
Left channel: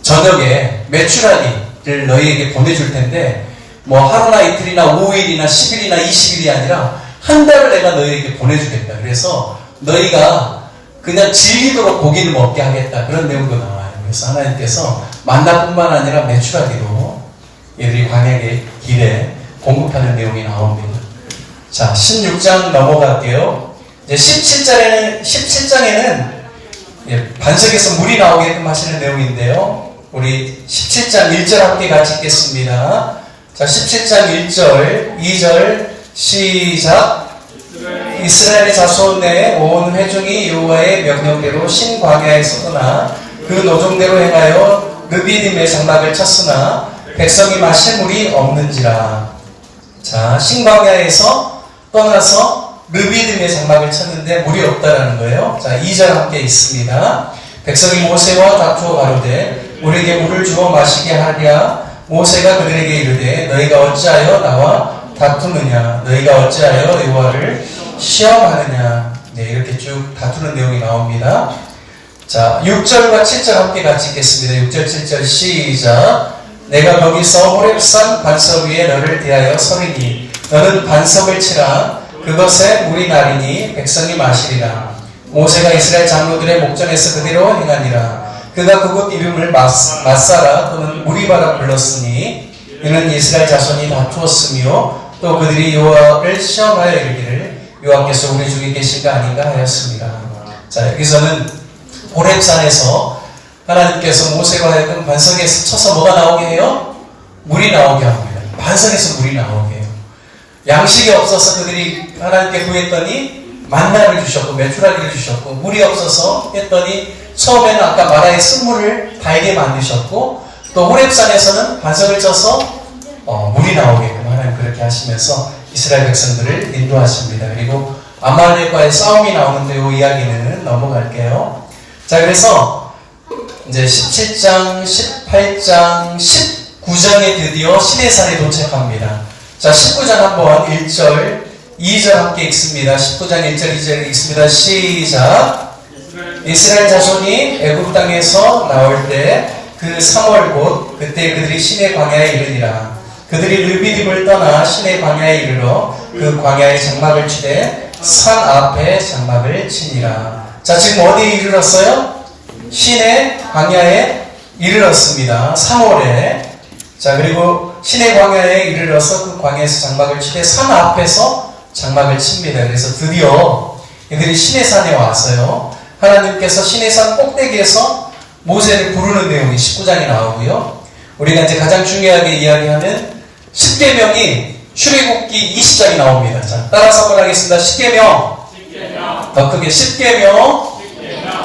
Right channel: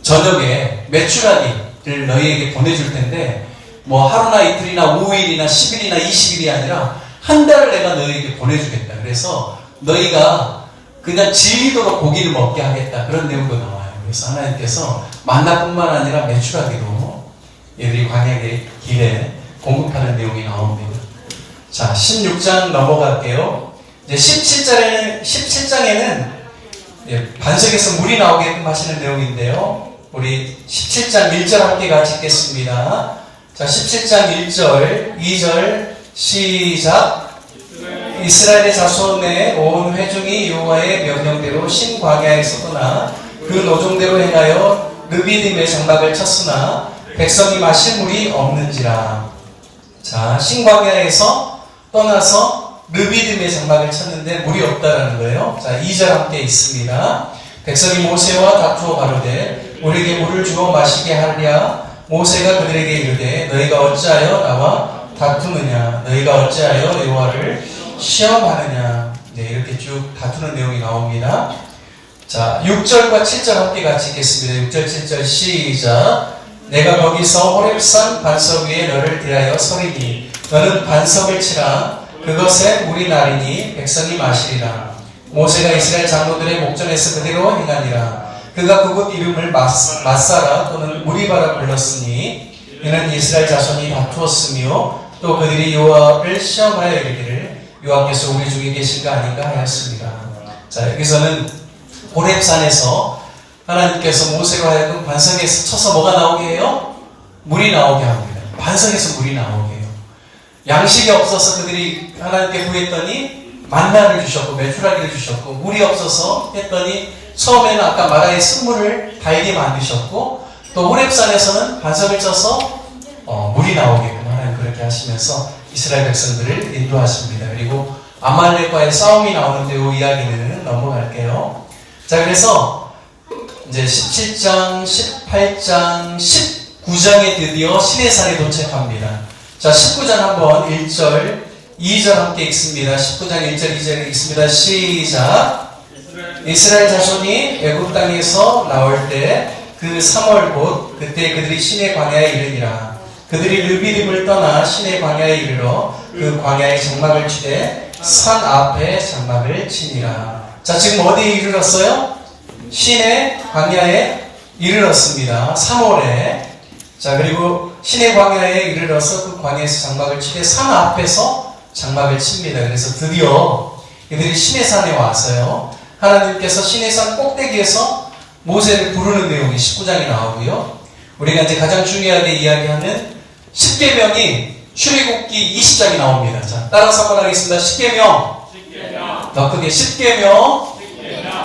저녁에 메추라기를 너희에게 보내줄 텐데 뭐 하루나 이틀이나 5일이나 10일이나 20일이 아니라 한 달을 내가 너희에게 보내주겠다. 그래서 너희가 그냥 즐기도록 고기를 먹게 하겠다. 그런 내용도 나와요. 그래서 하나님께서 만나뿐만 아니라 메추라기도 얘들이 광야의 길에 공급하는 내용이 나옵니다. 자, 16장 넘어갈게요. 이제 17장에는 반석에서 물이 나오게끔 하시는 내용인데요. 우리 17장 1절 함께 같이 읽겠습니다. 자, 17장 1절, 2절 시작. 이스라엘의 자손의 온 회중이 여호와의 명령대로 신광야에서 떠나 그 노종대로 행하여 르비딤의 장막을 쳤으나 백성이 마실 물이 없는지라. 자, 신광야에서 떠나서 르비딤의 장막을 쳤는데 물이 없다라는 거예요. 자, 2절 함께 있습니다. 백성이 모세와 다투어 가로되 우리에게 물을 주어 마시게 하랴. 모세가 그들에게 이르되 너희가 어찌하여 나와 다투느냐? 너희가 어찌하여 여호와를 시험하느냐? 네, 이렇게 쭉 다투는 내용이 나옵니다. 자, 6절과 7절 함께 같이 읽겠습니다. 6절, 7절 시작. 내가 거기서 호렙산 반석 위에 너를 대하여 서리니 너는 반석을 치라. 그것에 물이 나리니 백성이 마시리라. 모세가 이스라엘 장로들의 목전에서 그대로 행하니라. 그가 그곳 이름을 마사라 또는 무리바라 불렀으니 이는 이스라엘 자손이 다투었으며 또 그들이 여호와를 시험하여 이르기를 여호와께서 우리 중에 계신가 아닌가 하였습니다. 자, 여기서는 호렙산에서 하나님께서 모세가 하여금 반석에서 쳐서 뭐가 나오게 해요? 물이 나오게 합니다. 반석에서 물이 나오게 해요. 양식이 없어서 그들이 하나님께 구했더니 만나를 주셨고 메추라기를 주셨고, 물이 없어서 했더니 처음에는 아까 마라의 쓴물을 달게 만드셨고, 또 호렙산에서는 반석을 쳐서 물이 나오게끔 하나님 그렇게 하시면서 이스라엘 백성들을 인도하십니다. 그리고 아말렉과의 싸움이 나오는데 이 이야기는 넘어갈게요. 자, 그래서 이제 17장, 18장, 19장에 드디어 시내산에 도착합니다. 자, 19장 한번 1절, 2절 함께 읽습니다. 19장 1절, 2절 읽습니다. 시작. 이스라엘 자손이 애굽 땅에서 나올 때 그 3월 곧 그때 그들이 시내 광야에 이르니라. 그들이 르비딤을 떠나 시내 광야에 이르러 그 광야의 장막을 치되 산 앞에 장막을 치니라. 자, 지금 어디에 이르렀어요? 시내 광야에 이르렀습니다. 3월에. 자, 그리고 신의 광야에 이르러서 그 광야에서 장막을 치되 산 앞에서 장막을 칩니다. 그래서 드디어 이들이 신의 산에 와서요. 하나님께서 신의 산 꼭대기에서 모세를 부르는 내용이 19장에 나오고요. 우리가 이제 가장 중요하게 이야기하는 10계명이 출애굽기 20장이 나옵니다. 자, 따라서 한번 하겠습니다. 10계명. 더 크게 10계명.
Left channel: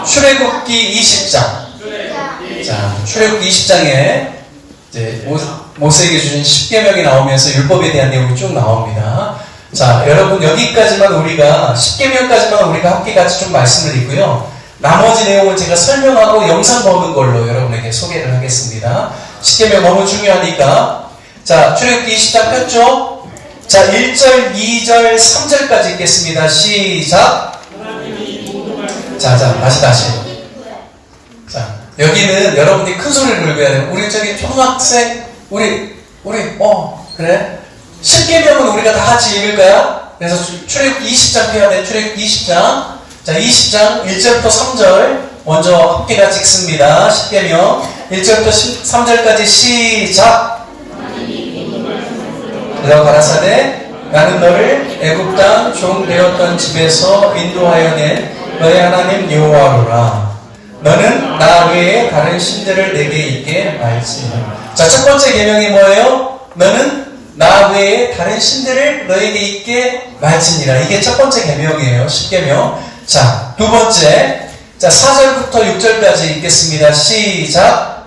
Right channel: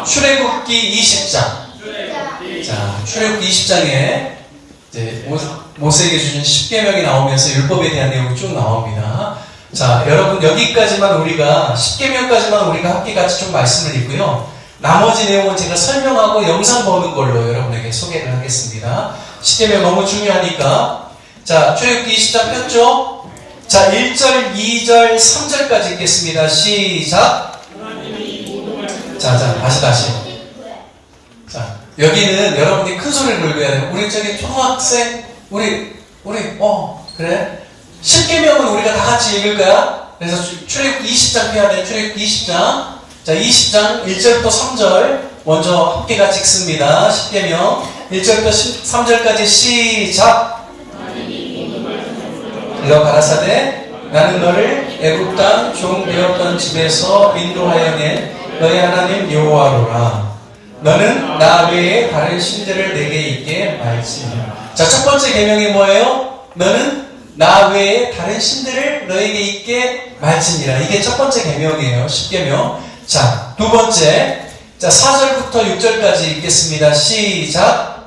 출애굽기 20장. 자, 출애굽기 20장에 이제 모세에게 주신 10계명이 나오면서 율법에 대한 내용이 쭉 나옵니다. 자, 여러분 여기까지만 우리가 10계명까지만 우리가 함께 같이 좀 말씀을 읽고요. 나머지 내용은 제가 설명하고 영상 보는 걸로 여러분에게 소개를 하겠습니다. 10계명 너무 중요하니까. 자, 출애굽기 20장 폈죠? 자, 1절, 2절, 3절까지 읽겠습니다. 시작. 자, 다시. 자, 여기는 여러분들이 큰 소리를 들어야 돼요. 우리 저기 초등학생, 그래? 10계명은 우리가 다 같이 읽을까요? 그래서 출애굽기 20장 펴야 돼요. 출애굽기 20장. 자, 20장 1절부터 3절 먼저 함께 같이 읽습니다. 10계명 1절부터 3절까지 시작. 내가 가라사대 나는 너를 애굽 땅 종 되었던 집에서 인도하여 낸 너의 하나님 여호와로라. 너는 나 외에 다른 신들을 내게 있게 말지니라. 자, 첫 번째 계명이 뭐예요? 너는 나 외에 다른 신들을 너에게 있게 말지니라. 이게 첫 번째 계명이에요. 10계명. 자, 두 번째. 자, 4절부터 6절까지 읽겠습니다. 시작.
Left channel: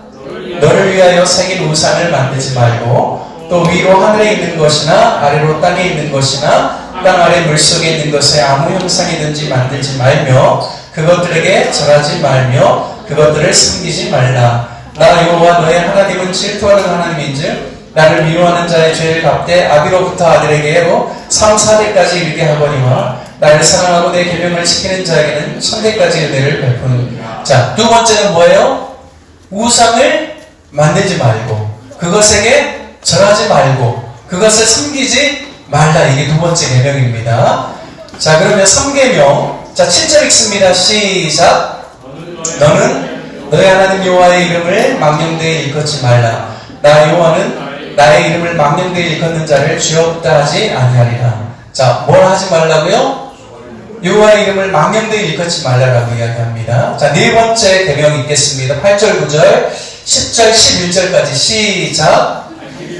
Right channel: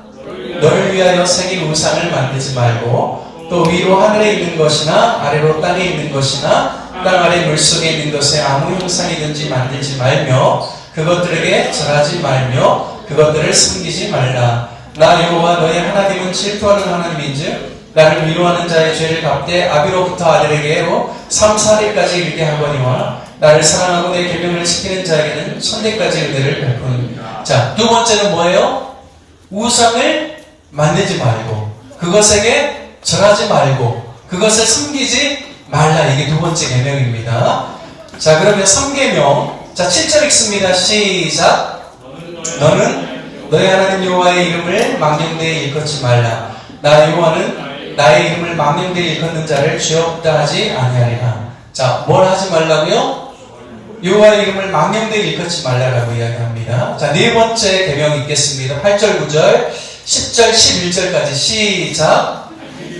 너를 위하여 새길 우상을 만들지 말고 또 위로 하늘에 있는 것이나 아래로 땅에 있는 것이나 땅 아래 물속에 있는 것에 아무 형상이든지 만들지 말며 그것들에게 절하지 말며 그것들을 숨기지 말라. 나 여호와 너의 하나님은 질투하는 하나님인즉 나를 미워하는 자의 죄를 갚되 아비로부터 아들에게로 3, 4대까지 이르게 하거니와 나를 사랑하고 내 계명을 지키는 자에게는 1000대까지 은혜를 베푸는. 자, 두 번째는 뭐예요? 우상을 만들지 말고 그것에게 절하지 말고 그것을 숨기지 말라. 이게 두 번째 계명입니다. 자, 그러면 3계명. 자, 7절 읽습니다. 시작. 너는 너의 하나님 여호와의 이름을 망령되이 일컫지 말라. 나 여호와는 나의 이름을 망령되이 일컫는 자를 죄 없다 하지 아니하리라. 자, 뭘 하지 말라고요? 여호와의 이름을 망령되이 일컫지 말라라고 이야기합니다. 자, 네 번째 계명 읽겠습니다. 8절, 9절, 10절, 11절까지 시작.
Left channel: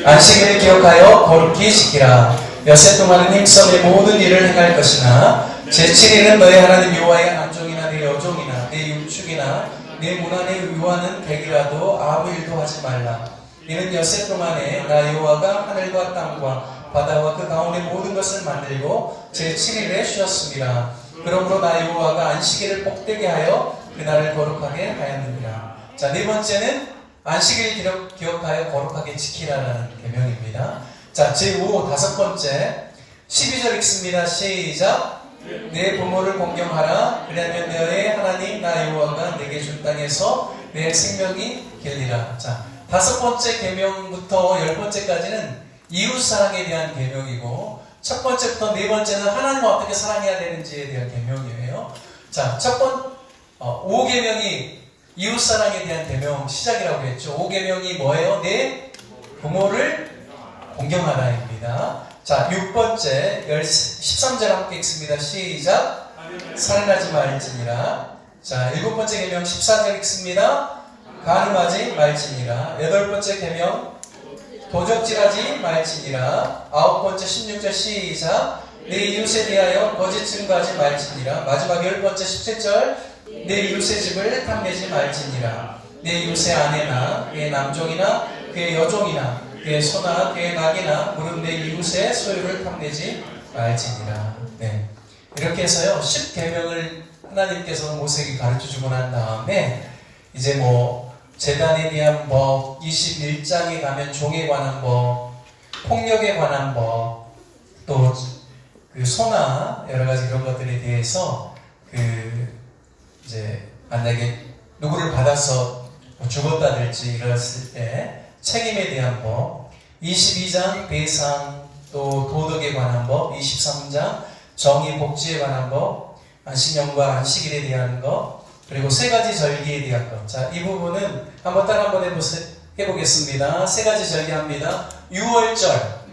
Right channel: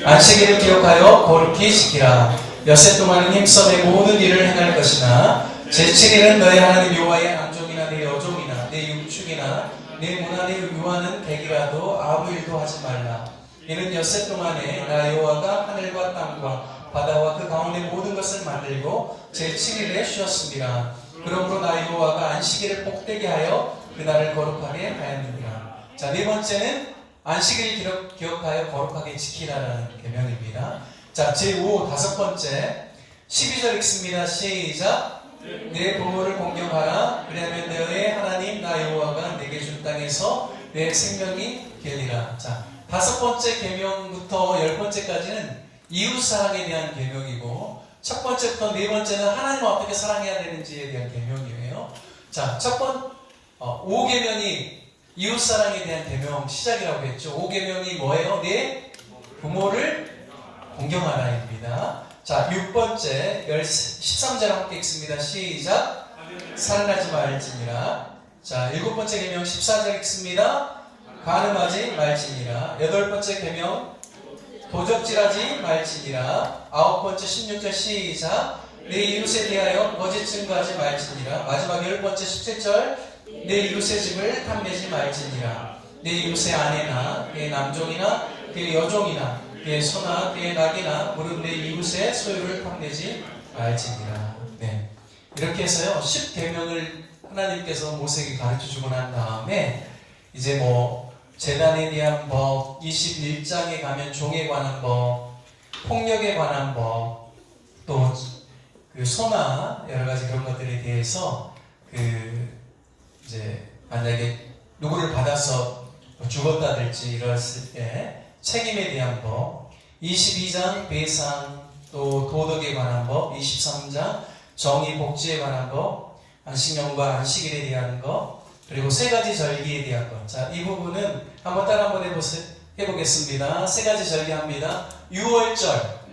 안식일을 기억하여 거룩히 지키라. 엿새 동안은 힘써 내 모든 일을 행할 것이나 제7일은 너의 하나님 여호와의 남종이나 내 여종이나 내 육축이나 내 문안에 유하는 객이라도 아무 일도 하지 말라. 이는 엿새 동안에 나 여호와가 하늘과 땅과 바다와 그 가운데 모든 것을 만들고 제7일에 쉬었습니다. 그러므로 나 여호와가 안식일을 복되게 하여 그날을 거룩하게 하였느니라. 자, 네 번째는 안식일 기억하여 거룩하게 지키라라는 계명입니다. 자, 제5 다섯 번째 12절 읽습니다. 시작. 내 부모를 공경하라. 그러면 너의 하나님 나 여호와가 내게 준 땅에서 내 생명이 길리라. 자, 다섯 번째 계명부터 10번째까지는 이웃사랑에 대한 계명이고 첫 번째부터 네 번째는 하나님을 어떻게 사랑해야 되는지에 대한 계명이에요. 자, 5계명이 이웃사랑에 대한 계명 시작이라고 했죠. 5계명이 뭐예요? 내 부모를 공경하라입니다. 자, 6번째 13절 함께 읽습니다. 시작. 살인하지 말지니라. 자, 7번째 계명 14절 읽습니다. 간음하지 말지니라. 8번째 계명 도적질하지 말지니라. 9번째 16절 시작. 내 이웃에 대하여 거짓 증거하지 말지니라. 마지막 10번째 17절 내 이웃의 집을 탐내지 말지니라. 내 이웃의 아내나 그의 남종이나 그의 여종이나 그의 소나 그의 낙이나 무릇 내 이웃의 소유를 탐내지 말지니라. 네, 이렇게 해서요 10계명을 하나님께서 모세에게 가르쳐주고 난 다음에 이제 재단에 대한 법, 21장에 가면 종에 관한 법, 폭력에 관한 법, 또 그 소나 여러 가지 그런 것들에 대해서 이제 만약에 누구를 받아서 죽었다든지 이랬을 때 책임에 대한 법, 22장 배상, 또 도덕에 관한 법, 23장 정의 복지에 관한 법, 안식년과 안식일에 대한 것, 그리고 3가지 절기에 대한 것. 자, 이 부분은 한번 따라 한번 해보겠습니다. 3가지 절기 합니다. 유월절.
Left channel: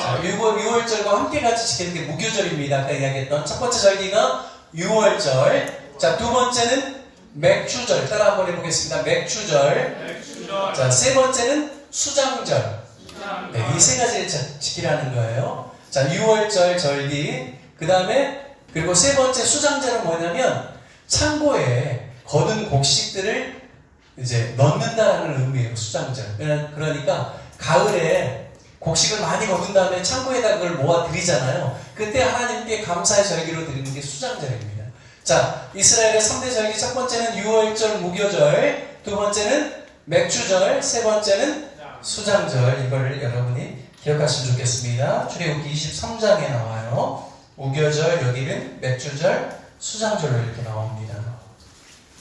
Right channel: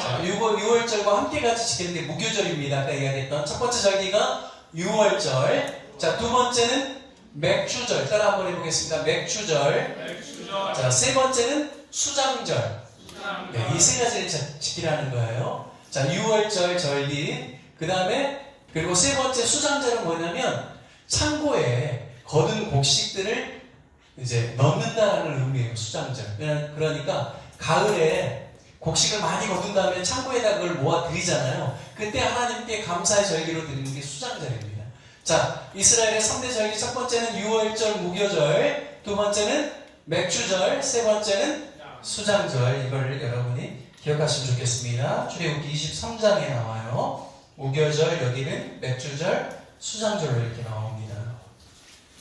자, 6월절과 함께 같이 지키는 게 무교절입니다. 아까 이야기했던 첫 번째 절기가 유월절. 자, 두 번째는 맥주절. 따라 한번 해보겠습니다. 맥주절. 자, 세 번째는 수장절. 네, 이 세 가지를 지키라는 거예요. 자, 유월절 절기. 그 다음에 그리고 세 번째 수장절은 뭐냐면 창고에 거둔 곡식들을 이제 넣는다라는 의미예요. 수장절. 그러니까 가을에 곡식을 많이 거둔 다음에 창고에다 그걸 모아 드리잖아요. 그때 하나님께 감사의 절기로 드리는 게 수장절입니다. 자, 이스라엘의 3대 절기 첫 번째는 유월절 무교절, 두 번째는 맥주절, 세 번째는 수장절. 이거를 여러분이 기억하시면 좋겠습니다. 출애굽기 23장에 나와요. 무교절, 여기는 맥주절, 수장절로 이렇게 나옵니다.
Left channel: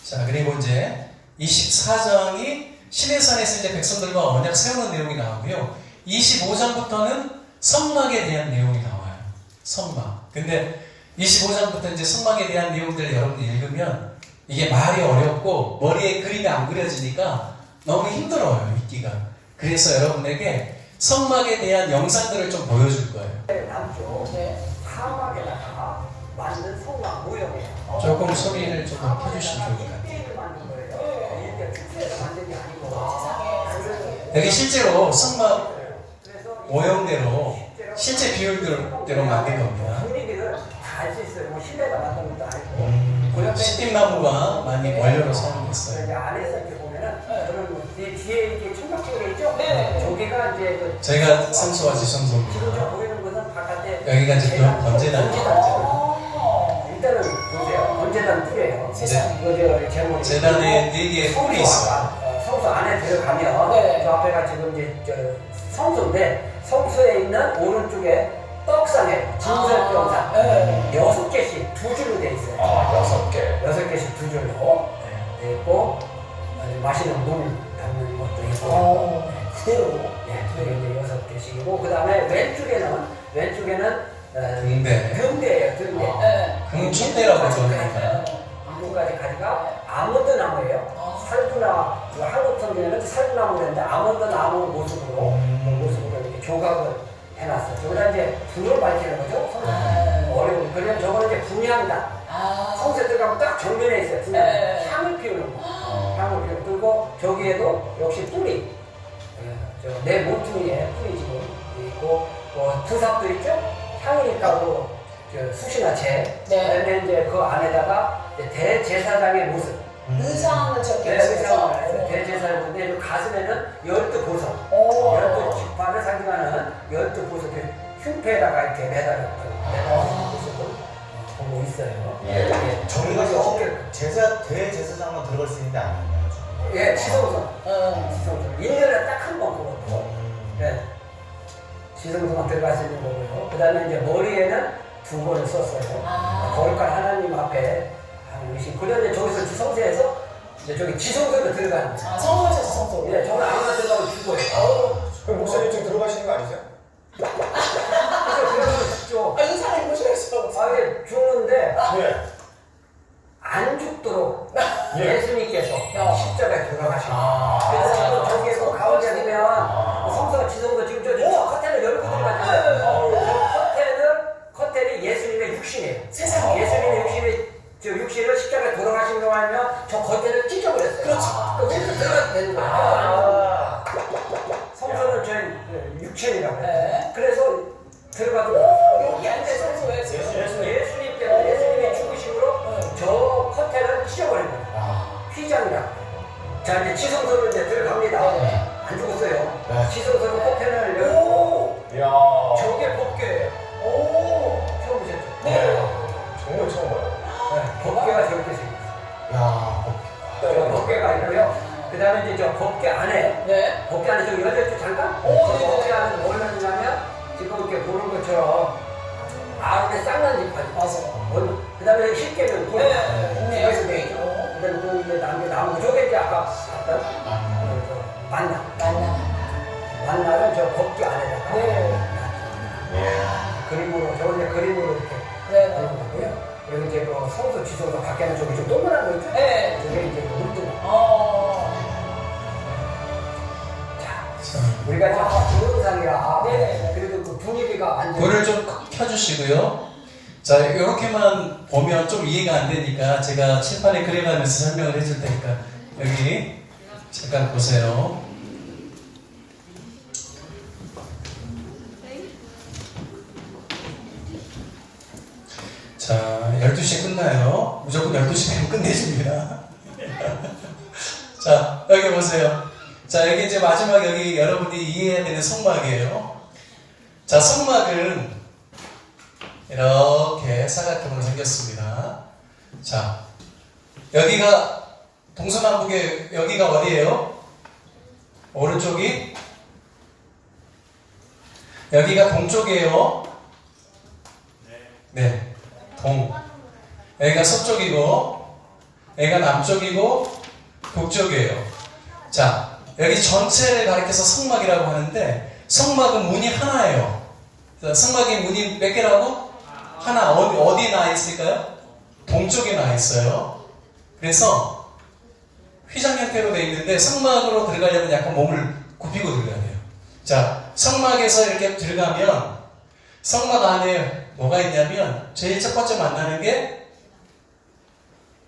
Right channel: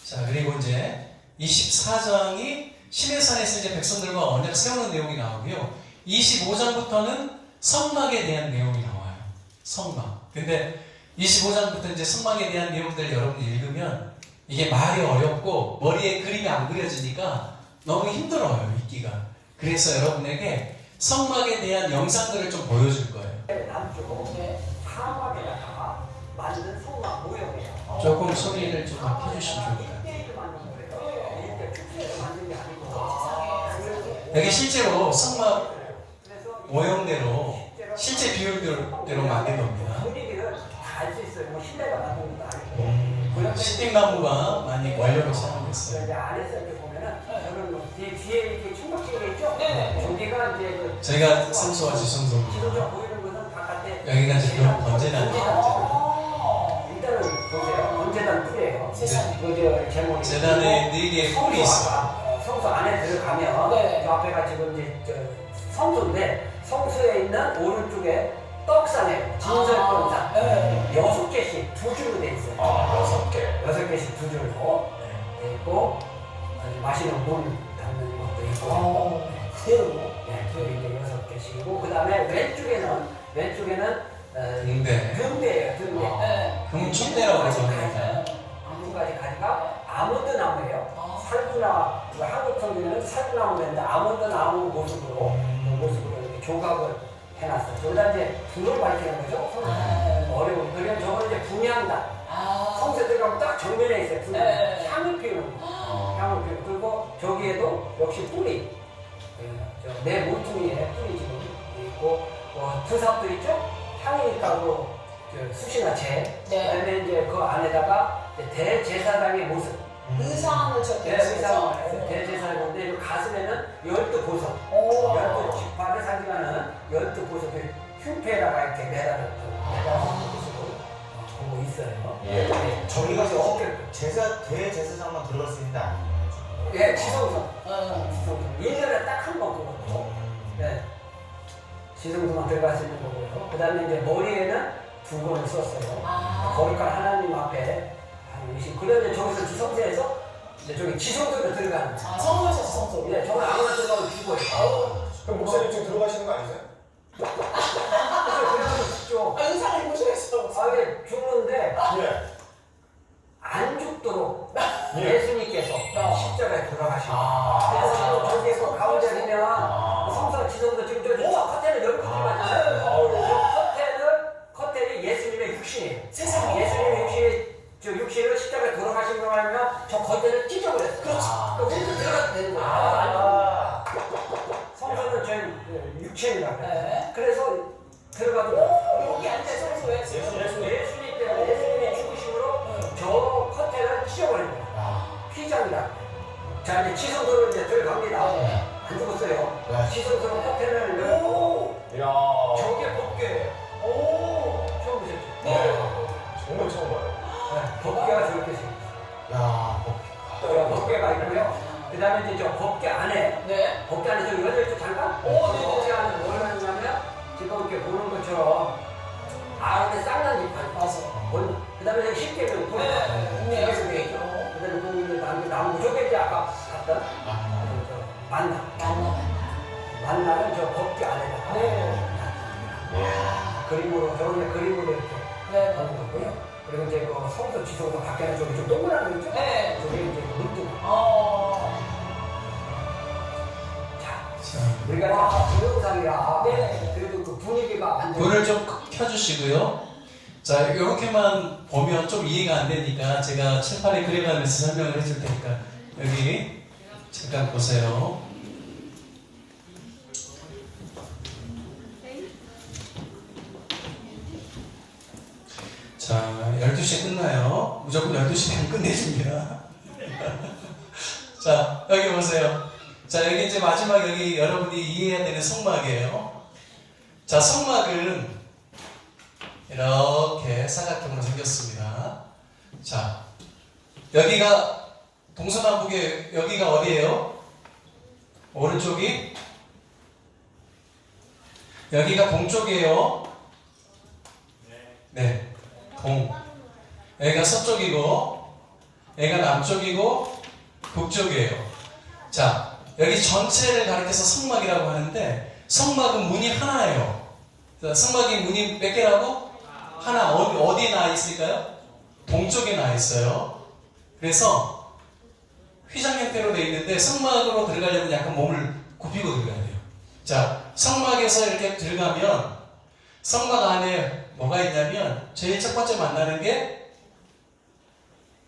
자, 그리고 이제 24장이 시내산에서 이제 백성들과 언약 세우는 내용이 나오고요. 25장부터는 성막에 대한 내용이 나와요. 성막. 근데 25장부터 이제 성막에 대한 내용들을 여러분이 읽으면 이게 말이 어렵고 머리에 그림이 안 그려지니까 너무 힘들어요, 읽기가. 그래서 여러분에게 성막에 대한 영상들을 좀 보여줄 거예요. 남쪽 사막에다가 만든 성막 모형이에요. 조금 소리를 좀 켜주시면 좋을 것 같아요. 일대일로 만든 거예요. 일대 국제에서 만든 게 아니고. 여기 실제로 성막 모형대로 실제 비율대로 만든 겁니다. 분위기를 다 알 수 있어요. 뭐 신대가 만든 것도 아니고. 시팀나무가 많이 원료로 사용됐어요. 이제 안에서 이렇게 보면은 그런 뭐 뒤에 이렇게 충격적인 게 있죠. 저기가 이제 그 저희가 성소와 지금 지성소입니다. 보이는 것은 바깥에 여기가 이제 그런 번제단이에요. 일단은 보세요. 번제단 뿔이에요. 네. 그 제목이 재단에 4개의 뿔이 있어요. 성소 안에 들어가면 저 앞에가 지금 이제 성소인데 성소에 있는 오른쪽에 떡상에 진설병상 6개씩 두 줄로 돼 있어요. 6개씩 두 줄로 돼 있고 마시는 물 담는 것도 있고 그대로 이제 6개씩이고 그 다음에 왼쪽에는 등대예요. 등대. 금충대라고 합니다. 두 가지 가지가 아몬드 나무예요. 살구나 한국 성경에는 살구나무인데 아몬드 나무 모습으로 이렇게 조각을 해놨어요. 저기다 이제 불을 밝히는 거죠. 어려운. 그러면 저거는 이제 분향단. 성세 들어가면 딱 정면에 있어요. 분향. 향을 피우는 거. 향을 피우는 거. 그리고 저기에도 역시 뿔이. 내 모퉁이에 뿔이 지금 있고 두삽도 있죠. 향이니까 숯이나 재. 그다음에 이제 그 안에다가 대제사장의 모습. 의상을 적혀있어요. 대제사장의 모습인데 그 가슴에는 12보석. 12지파를 상징하는 12보석의 흉패에다가 이렇게 매달린 모습을 보고 있어요. 저희가 어떻게 대제사장만 들어갈 수 있는 게 아니에요. 예, 지성선. 1년에 딱 한 번 그것도. 예. 지성소만 들어갈 수 있는 거고요. 그 다음에 이제 머리에는 2번을 썼어요. 거룩한 하나님 앞에 하는 의식. 그 다음에 저기서 지성소에서 이제 저기 지성소로 들어가는 거예요. 성소에서 지성소. 예, 저는 아무나 들어가면 죽어요. 그럼 목사님 지금 들어가시는 거 아니세요? 그래서 들어가면 죽죠. 의상을 보셔야죠. 예, 죽는데 네. 안 죽도록 예. 예수님께서 십자가에 돌아가시고 그래서 저기에서 가운데 보면 성소가 지성소 지금 저 커튼을 열고 들어갔는데 커튼이 예수님의 육신이에요. 세상에. 예수님의 육신을 십자가에 돌아가신 거 아니면 저 커튼을 찢어버렸어요. 그렇죠. 그래서 들어가도 되는 거예요. 성소는 저희 육신이라고 해요. 그래서 들어가도 여기 앉아 성소에 예수님의 죽으심으로 저 커튼을 찢어버린 거예요. 휘장이라. 자, 이제 지성소로 이제 들어갑니다. 안 죽었어요. 지성소는 커튼을 열고 저게 법궤예요. 처음 보셨죠? 정말 처음 봐요. 법궤가 저렇게 생겼어요. 법궤가 있고요. 그 다음에 이제 저 법궤 안에 법궤 안에 저 열렸죠 잠깐? 법궤 안에 뭘 하느냐면 지금 이렇게 보는 것처럼 아론의 쌍난 지팡이. 그 다음에 십계명 돌. 그래서 돼 있죠. 그 다음에 또 이제 나무 저게 이제 아까 봤던 만나는 저 법궤 안에다가 그림으로 저 이제 그림으로 이렇게 하는 거고요. 그리고 이제 그 성소 지성소 밖에는 저기 좀 동그란 거 있죠? 저게 이제 물두멍. 자, 우리가 이제 동영상이라 네. 그래도 그 분위기가 안 불을 좀 켜주시고요. 자, 이렇게만 보면 좀 이해가 안 되니까 제가 칠판에 그려가면서 설명을 해줄 테니까 여기 잠깐 보세요. 자, 12시에 끝나요. 무조건 12시 되면 끝내줍니다. 자, 여기 보세요. 자, 여기 이제 마지막 여기 여러분이 이해해야 되는 성막이에요. 자, 성막은 이렇게 사각형으로 생겼습니다. 자, 여기가 동서남북의 여기가 어디예요? 오른쪽이? 여기가 동쪽이에요. 네, 동. 여기가 서쪽이고, 여기가 남쪽이고, 북쪽이에요. 자, 여기 전체를 가리켜서 성막이라고 하는데, 성막은 문이 하나예요. 자, 성막의 문이 몇 개라고? 하나. 어디 나 있을까요? 동쪽에 나 있어요. 그래서 휘장 형태로 되어 있는데 성막으로 들어가려면 약간 몸을 굽히고 들어가야 돼요. 자, 성막에서 이렇게 들어가면 성막 안에 뭐가 있냐면 제일 첫 번째 만나는 게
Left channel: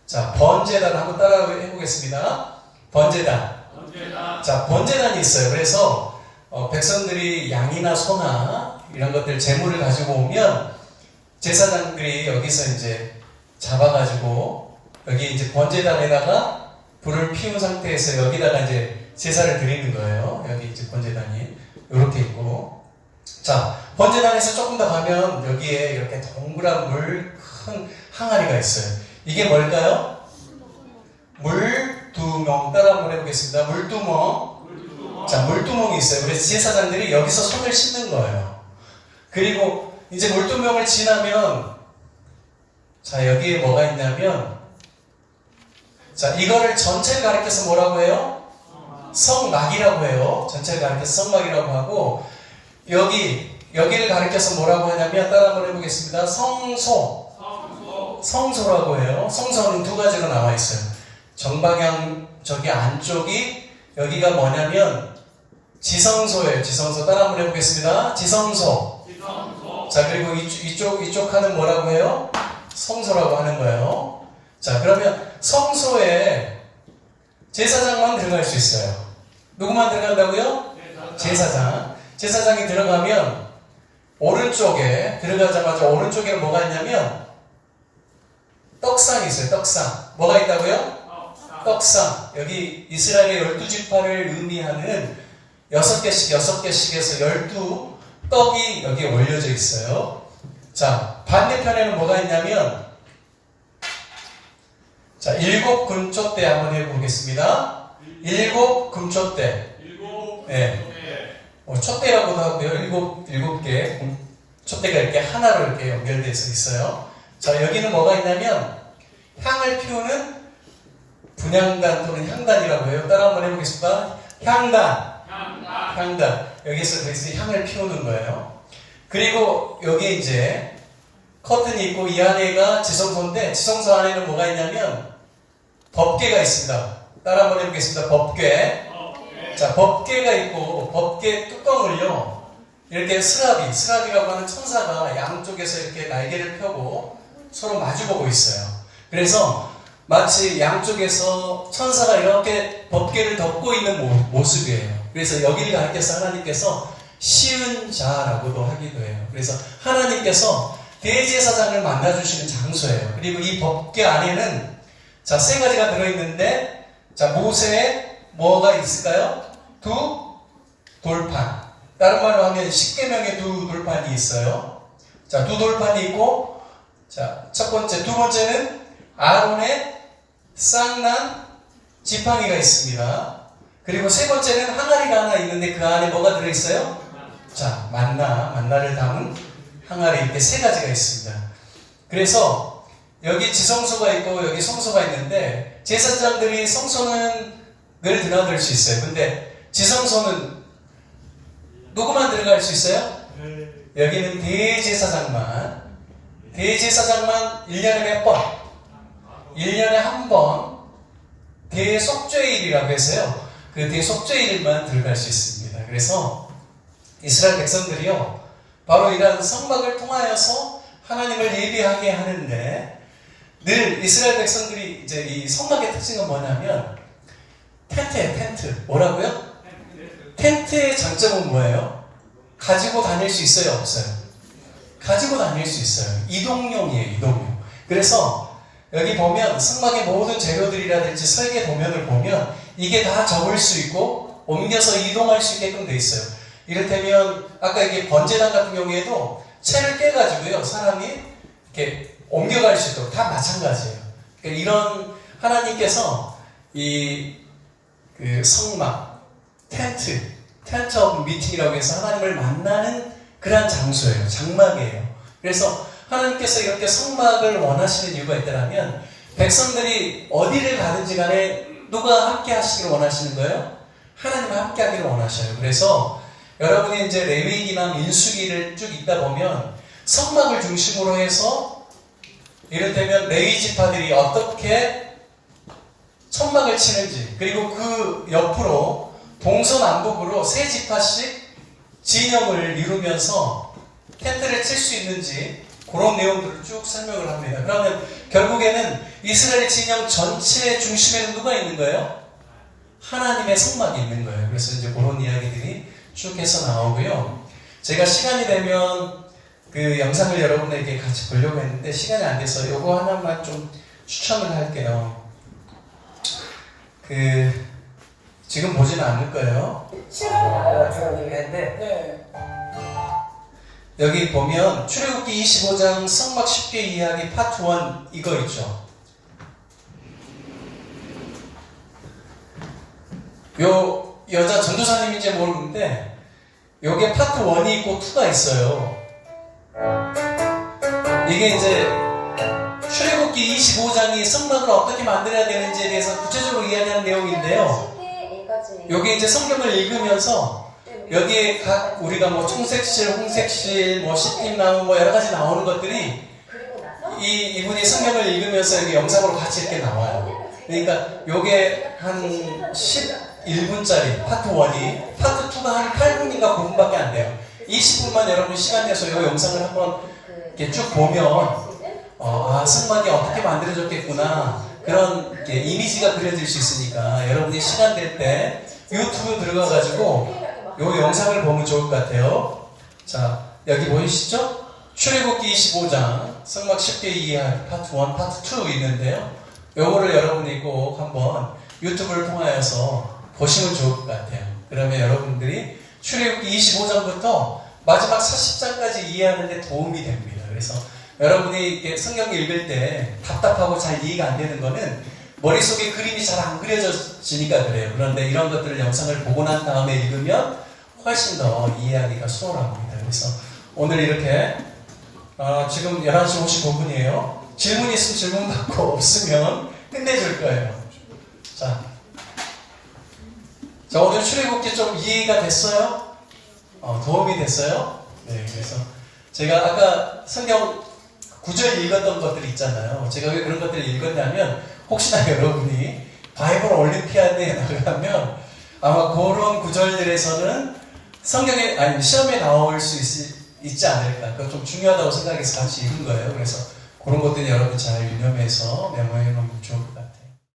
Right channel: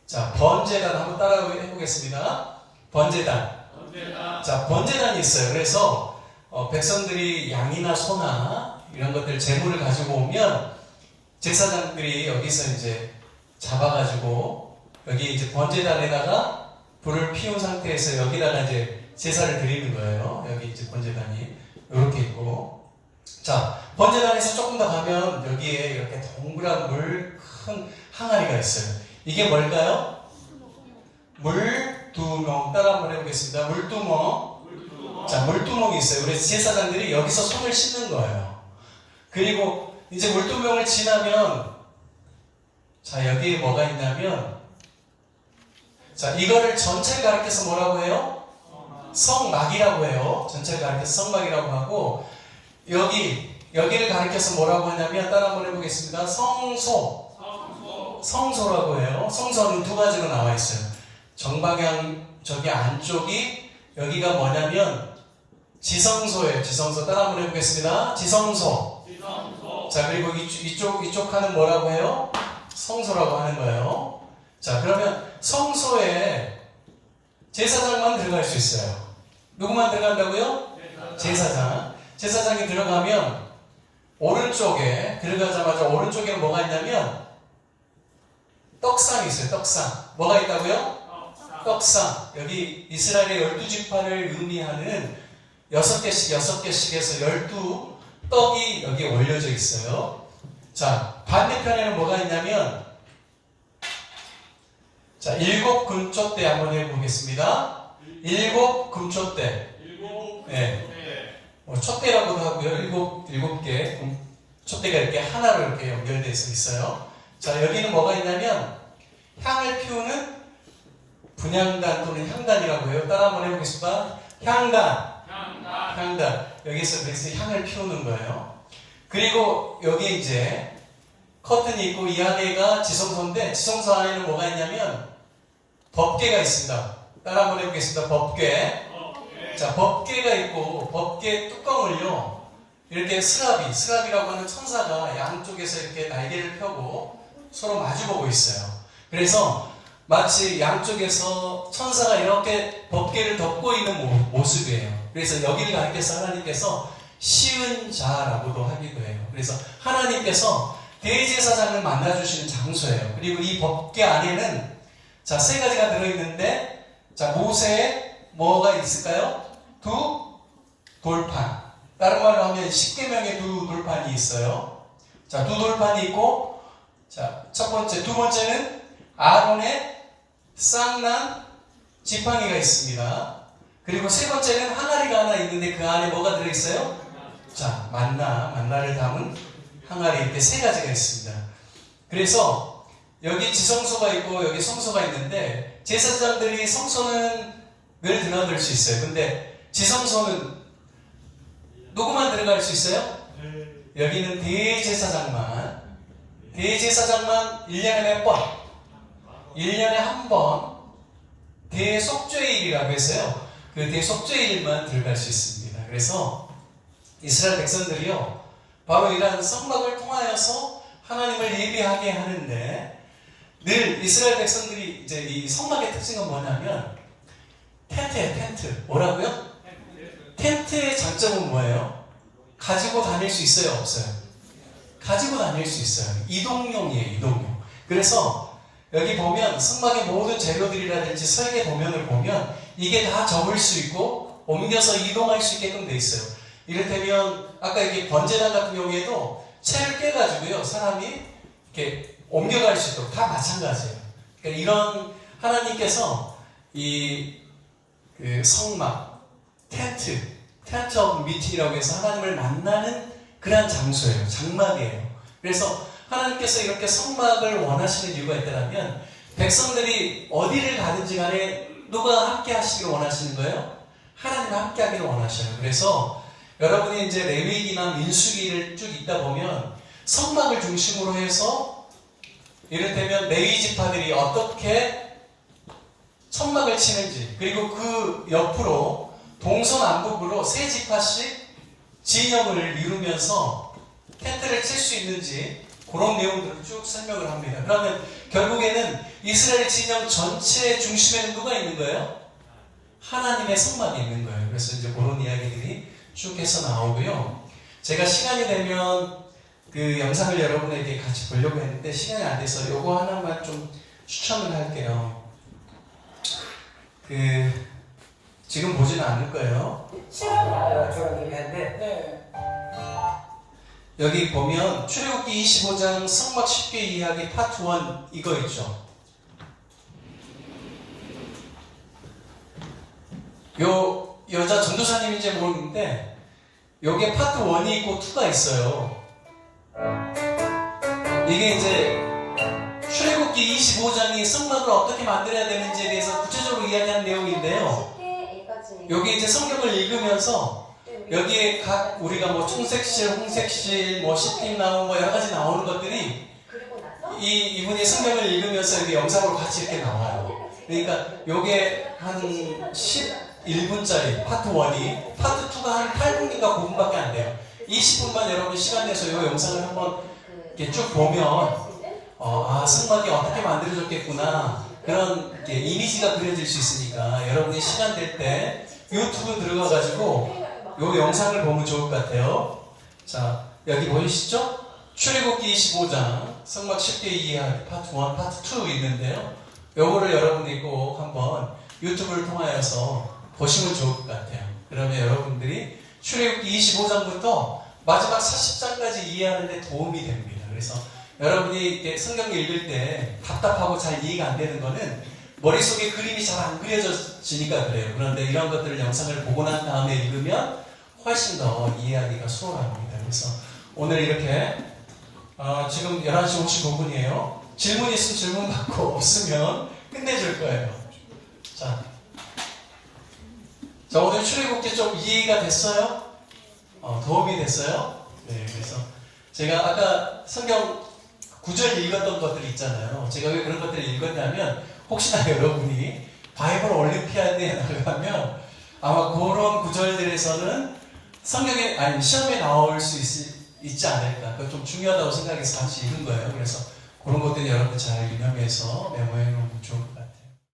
자, 번제단 한번 따라 해보겠습니다. 번제단. 자, 번제단이 있어요. 그래서 백성들이 양이나 소나 이런 것들 재물을 가지고 오면 제사장들이 여기서 이제 잡아가지고 여기 이제 번제단에다가 불을 피운 상태에서 여기다가 이제 제사를 드리는 거예요. 여기 이제 번제단이 이렇게 있고, 자, 번제단에서 조금 더 가면 여기에 이렇게 동그란 물 큰 항아리가 있어요. 이게 뭘까요? 물두멍. 따라 한번 해보겠습니다. 물두멍. 자, 물두멍이 있어요. 그래서 제사장들이 여기서 손을 씻는 거예요. 그리고 이제 물두멍을 지나면 자, 여기에 뭐가 있냐면 자, 이거를 전체를 가리켜서 뭐라고 해요? 성막이라고 해요. 전체를 가리켜서 성막이라고 하고, 여기를 가리켜서 뭐라고 하냐면 따라 한번 해보겠습니다. 성소라고 해요. 성소는 두 가지로 나와 있어요. 정방향 저기 안쪽이 여기가 뭐냐면 지성소예요. 지성소. 따라 한번 해보겠습니다. 지성소. 자, 그리고 이쪽 칸은 뭐라고 해요? 성소라고 하는 거예요. 자, 그러면 성소에 제사장만 들어갈 수 있어요. 누구만 들어간다고요? 제사장. 제사장이 들어가면 오른쪽에 들어가자마자 오른쪽에는 뭐가 있냐면 떡상이 있어요. 떡상. 뭐가 있다고요? 떡상. 여기 이스라엘의 12지파를 의미하는 6개씩 해서 12떡이 여기에 올려져 있어요. 자, 반대편에는 뭐가 있냐면 자, 7금초대 한번 해보겠습니다. 7금초대. 네. 촛대라고도 하고요. 7개 촛대가 이렇게 하나로 이렇게 연결돼서 있어요. 자, 여기는 뭐가 있냐면 향을 피우는 분향단 또는 향단이라고 해요. 따라 한번 해보겠습니다. 향단. 여기서 그래서 향을 피우는 거예요. 그리고 여기에 이제 커튼이 있고 이 안에가 지성소인데 지성소 안에는 뭐가 있냐면 법궤가 있습니다. 따라 한번 해보겠습니다. 법궤. 자, 법궤가 있고 법궤 뚜껑을요 이렇게 스라비라고 하는 천사가 양쪽에서 이렇게 날개를 펴고 서로 마주보고 있어요. 그래서 마치 양쪽에서 천사가 이렇게 법궤를 덮고 있는 모습이에요. 그래서 여기를 가리켜서 하나님께서 시은 자라고도 하기도 해요. 그래서 하나님께서 대제사장을 만나주시는 장소예요. 그리고 이 법궤 안에는 자, 3가지가 들어있는데 자, 모세의 뭐가 있을까요? 2 돌판. 다른 말로 하면 10계명의 2 돌판이 있어요. 자, 2 돌판이 있고 자, 두 번째는 아론의 쌍난 지팡이가 있습니다. 그리고 세 번째는 항아리가 하나 있는데 그 안에 뭐가 들어있어요? 자, 만나를 담은 항아리. 이렇게 3가지가 있습니다. 그래서 여기 지성소가 있고 여기 성소가 있는데 제사장들이 성소는 늘 들어갈 수 있어요. 근데 지성소는 누구만 들어갈 수 있어요? 여기는 대제사장만 1년에 몇 번? 1년에 한 번 대속죄일이라고 해서요. 그 대속죄일만 들어갈 수 있습니다. 그래서 이스라엘 백성들이요, 바로 이러한 성막을 통하여서 하나님을 예배하게 하는데, 늘 이스라엘 백성들이 이제 이 성막의 특징은 뭐냐면 텐트예요. 텐트. 뭐라고요? 텐트의 장점은 뭐예요? 가지고 다닐 수 있어요? 없어요? 가지고 다닐 수 있어요. 이동용이에요. 이동용. 그래서 여기 보면 성막의 모든 재료들이라든지 설계 도면을 보면 이게 다 접을 수 있고 옮겨서 이동할 수 있게끔 돼 있어요. 이를테면 아까 이게 번제단 같은 경우에도 채를 깨가지고요, 사람이 이렇게 옮겨갈 수 있도록 다 마찬가지예요. 그러니까 이런 하나님께서 그 성막, 텐트 오브 미팅이라고 해서 하나님을 만나는 그러한 장소예요. 장막이에요. 그래서 하나님께서 이렇게 성막을 원하시는 이유가 있다면, 백성들이 어디를 가든지 간에 누가 함께 하시기를 원하시는 거예요? 하나님과 함께 하기를 원하셔요. 그래서 여러분이 이제 레위기나 민수기를 쭉 읽다 보면 성막을 중심으로 해서 이를테면 레위 지파들이 어떻게 천막을 치는지, 그리고 그 옆으로 동서남북으로 세 지파씩 진영을 이루면서 텐트를 칠 수 있는지 그런 내용들을 쭉 설명을 합니다. 그러면 결국에는 이스라엘 진영 전체의 중심에는 누가 있는 거예요? 하나님의 성막이 있는 거예요. 그래서 이제 그런 이야기들이 쭉 해서 나오고요. 제가 시간이 되면 그 영상을 여러분에게 같이 보려고 했는데 시간이 안 돼서 요거 하나만 좀 추천을 할게요. 지금 보지는 않을 거예요. 싫어요. 저런 얘기 했는데, 네. 여기 보면 출애굽기 25장 성막 쉽게 이해하기 파트 1 이거 있죠. 요 여자 전도사님인지 모르는데 요게 파트 1이 있고 2가 있어요. 이게 이제 출애굽기 25장이 성막을 어떻게 만들어야 되는지에 대해서 구체적으로 이야기하는 내용인데요. 여기 이제 성경을 읽으면서 여기에 각 우리가 뭐 청색실, 홍색실, 뭐 시팀나무 뭐 여러 가지 나오는 것들이 이분이 성경을 읽으면서 여기 영상으로 같이 이렇게 나와요. 그러니까 요게 한 11분짜리 파트 1이, 파트 2가 한 8분인가 9분밖에 안 돼요. 20분만 여러분 시간 내서 이 영상을 한번 이렇게 쭉 보면 성막이 어떻게 만들어졌겠구나, 그런 이렇게 이미지가 그려질 수 있으니까 여러분이 시간 될 때 유튜브 들어가가지고 요 영상을 보면 좋을 것 같아요. 자, 여기 보이시죠? 출애굽기 25장 성막 쉽게 이해하기 파트 1, 파트 2 있는데요. 요거를 여러분들이 꼭 한번 유튜브를 통하여서 보시면 좋을 것 같아요. 그러면 여러분들이 출애굽기 25장부터 마지막 40장까지 이해하는 데 도움이 됩니다. 그래서 여러분이 성경을 읽을 때 답답하고 잘 이해가 안 되는 거는 머릿속에 그림이 잘 안 그려지니까 그래요. 그런데 이런 것들을 영상을 보고 난 다음에 읽으면 훨씬 더 이해하기가 수월합니다. 그래서 오늘 이렇게 지금 11시 55분이에요. 질문 있으면 질문 받고 없으면 끝내줄 거예요. 자, 오늘 출애굽기 좀 이해가 됐어요? 도움이 됐어요? 네, 그래서 제가 아까 성경 구절 읽었던 것들 있잖아요. 제가 왜 그런 것들을 읽었냐면 혹시나 여러분이 바이블 올림피아드에 나가면 아마 그런 구절들에서는 성경에, 아니 시험에 나올 수 있지 않을까. 그거 좀 중요하다고 생각해서 같이 읽은 거예요. 그래서 그런 것들이 여러분 잘 유념해서 메모해 놓으면 좋을 것 같아요.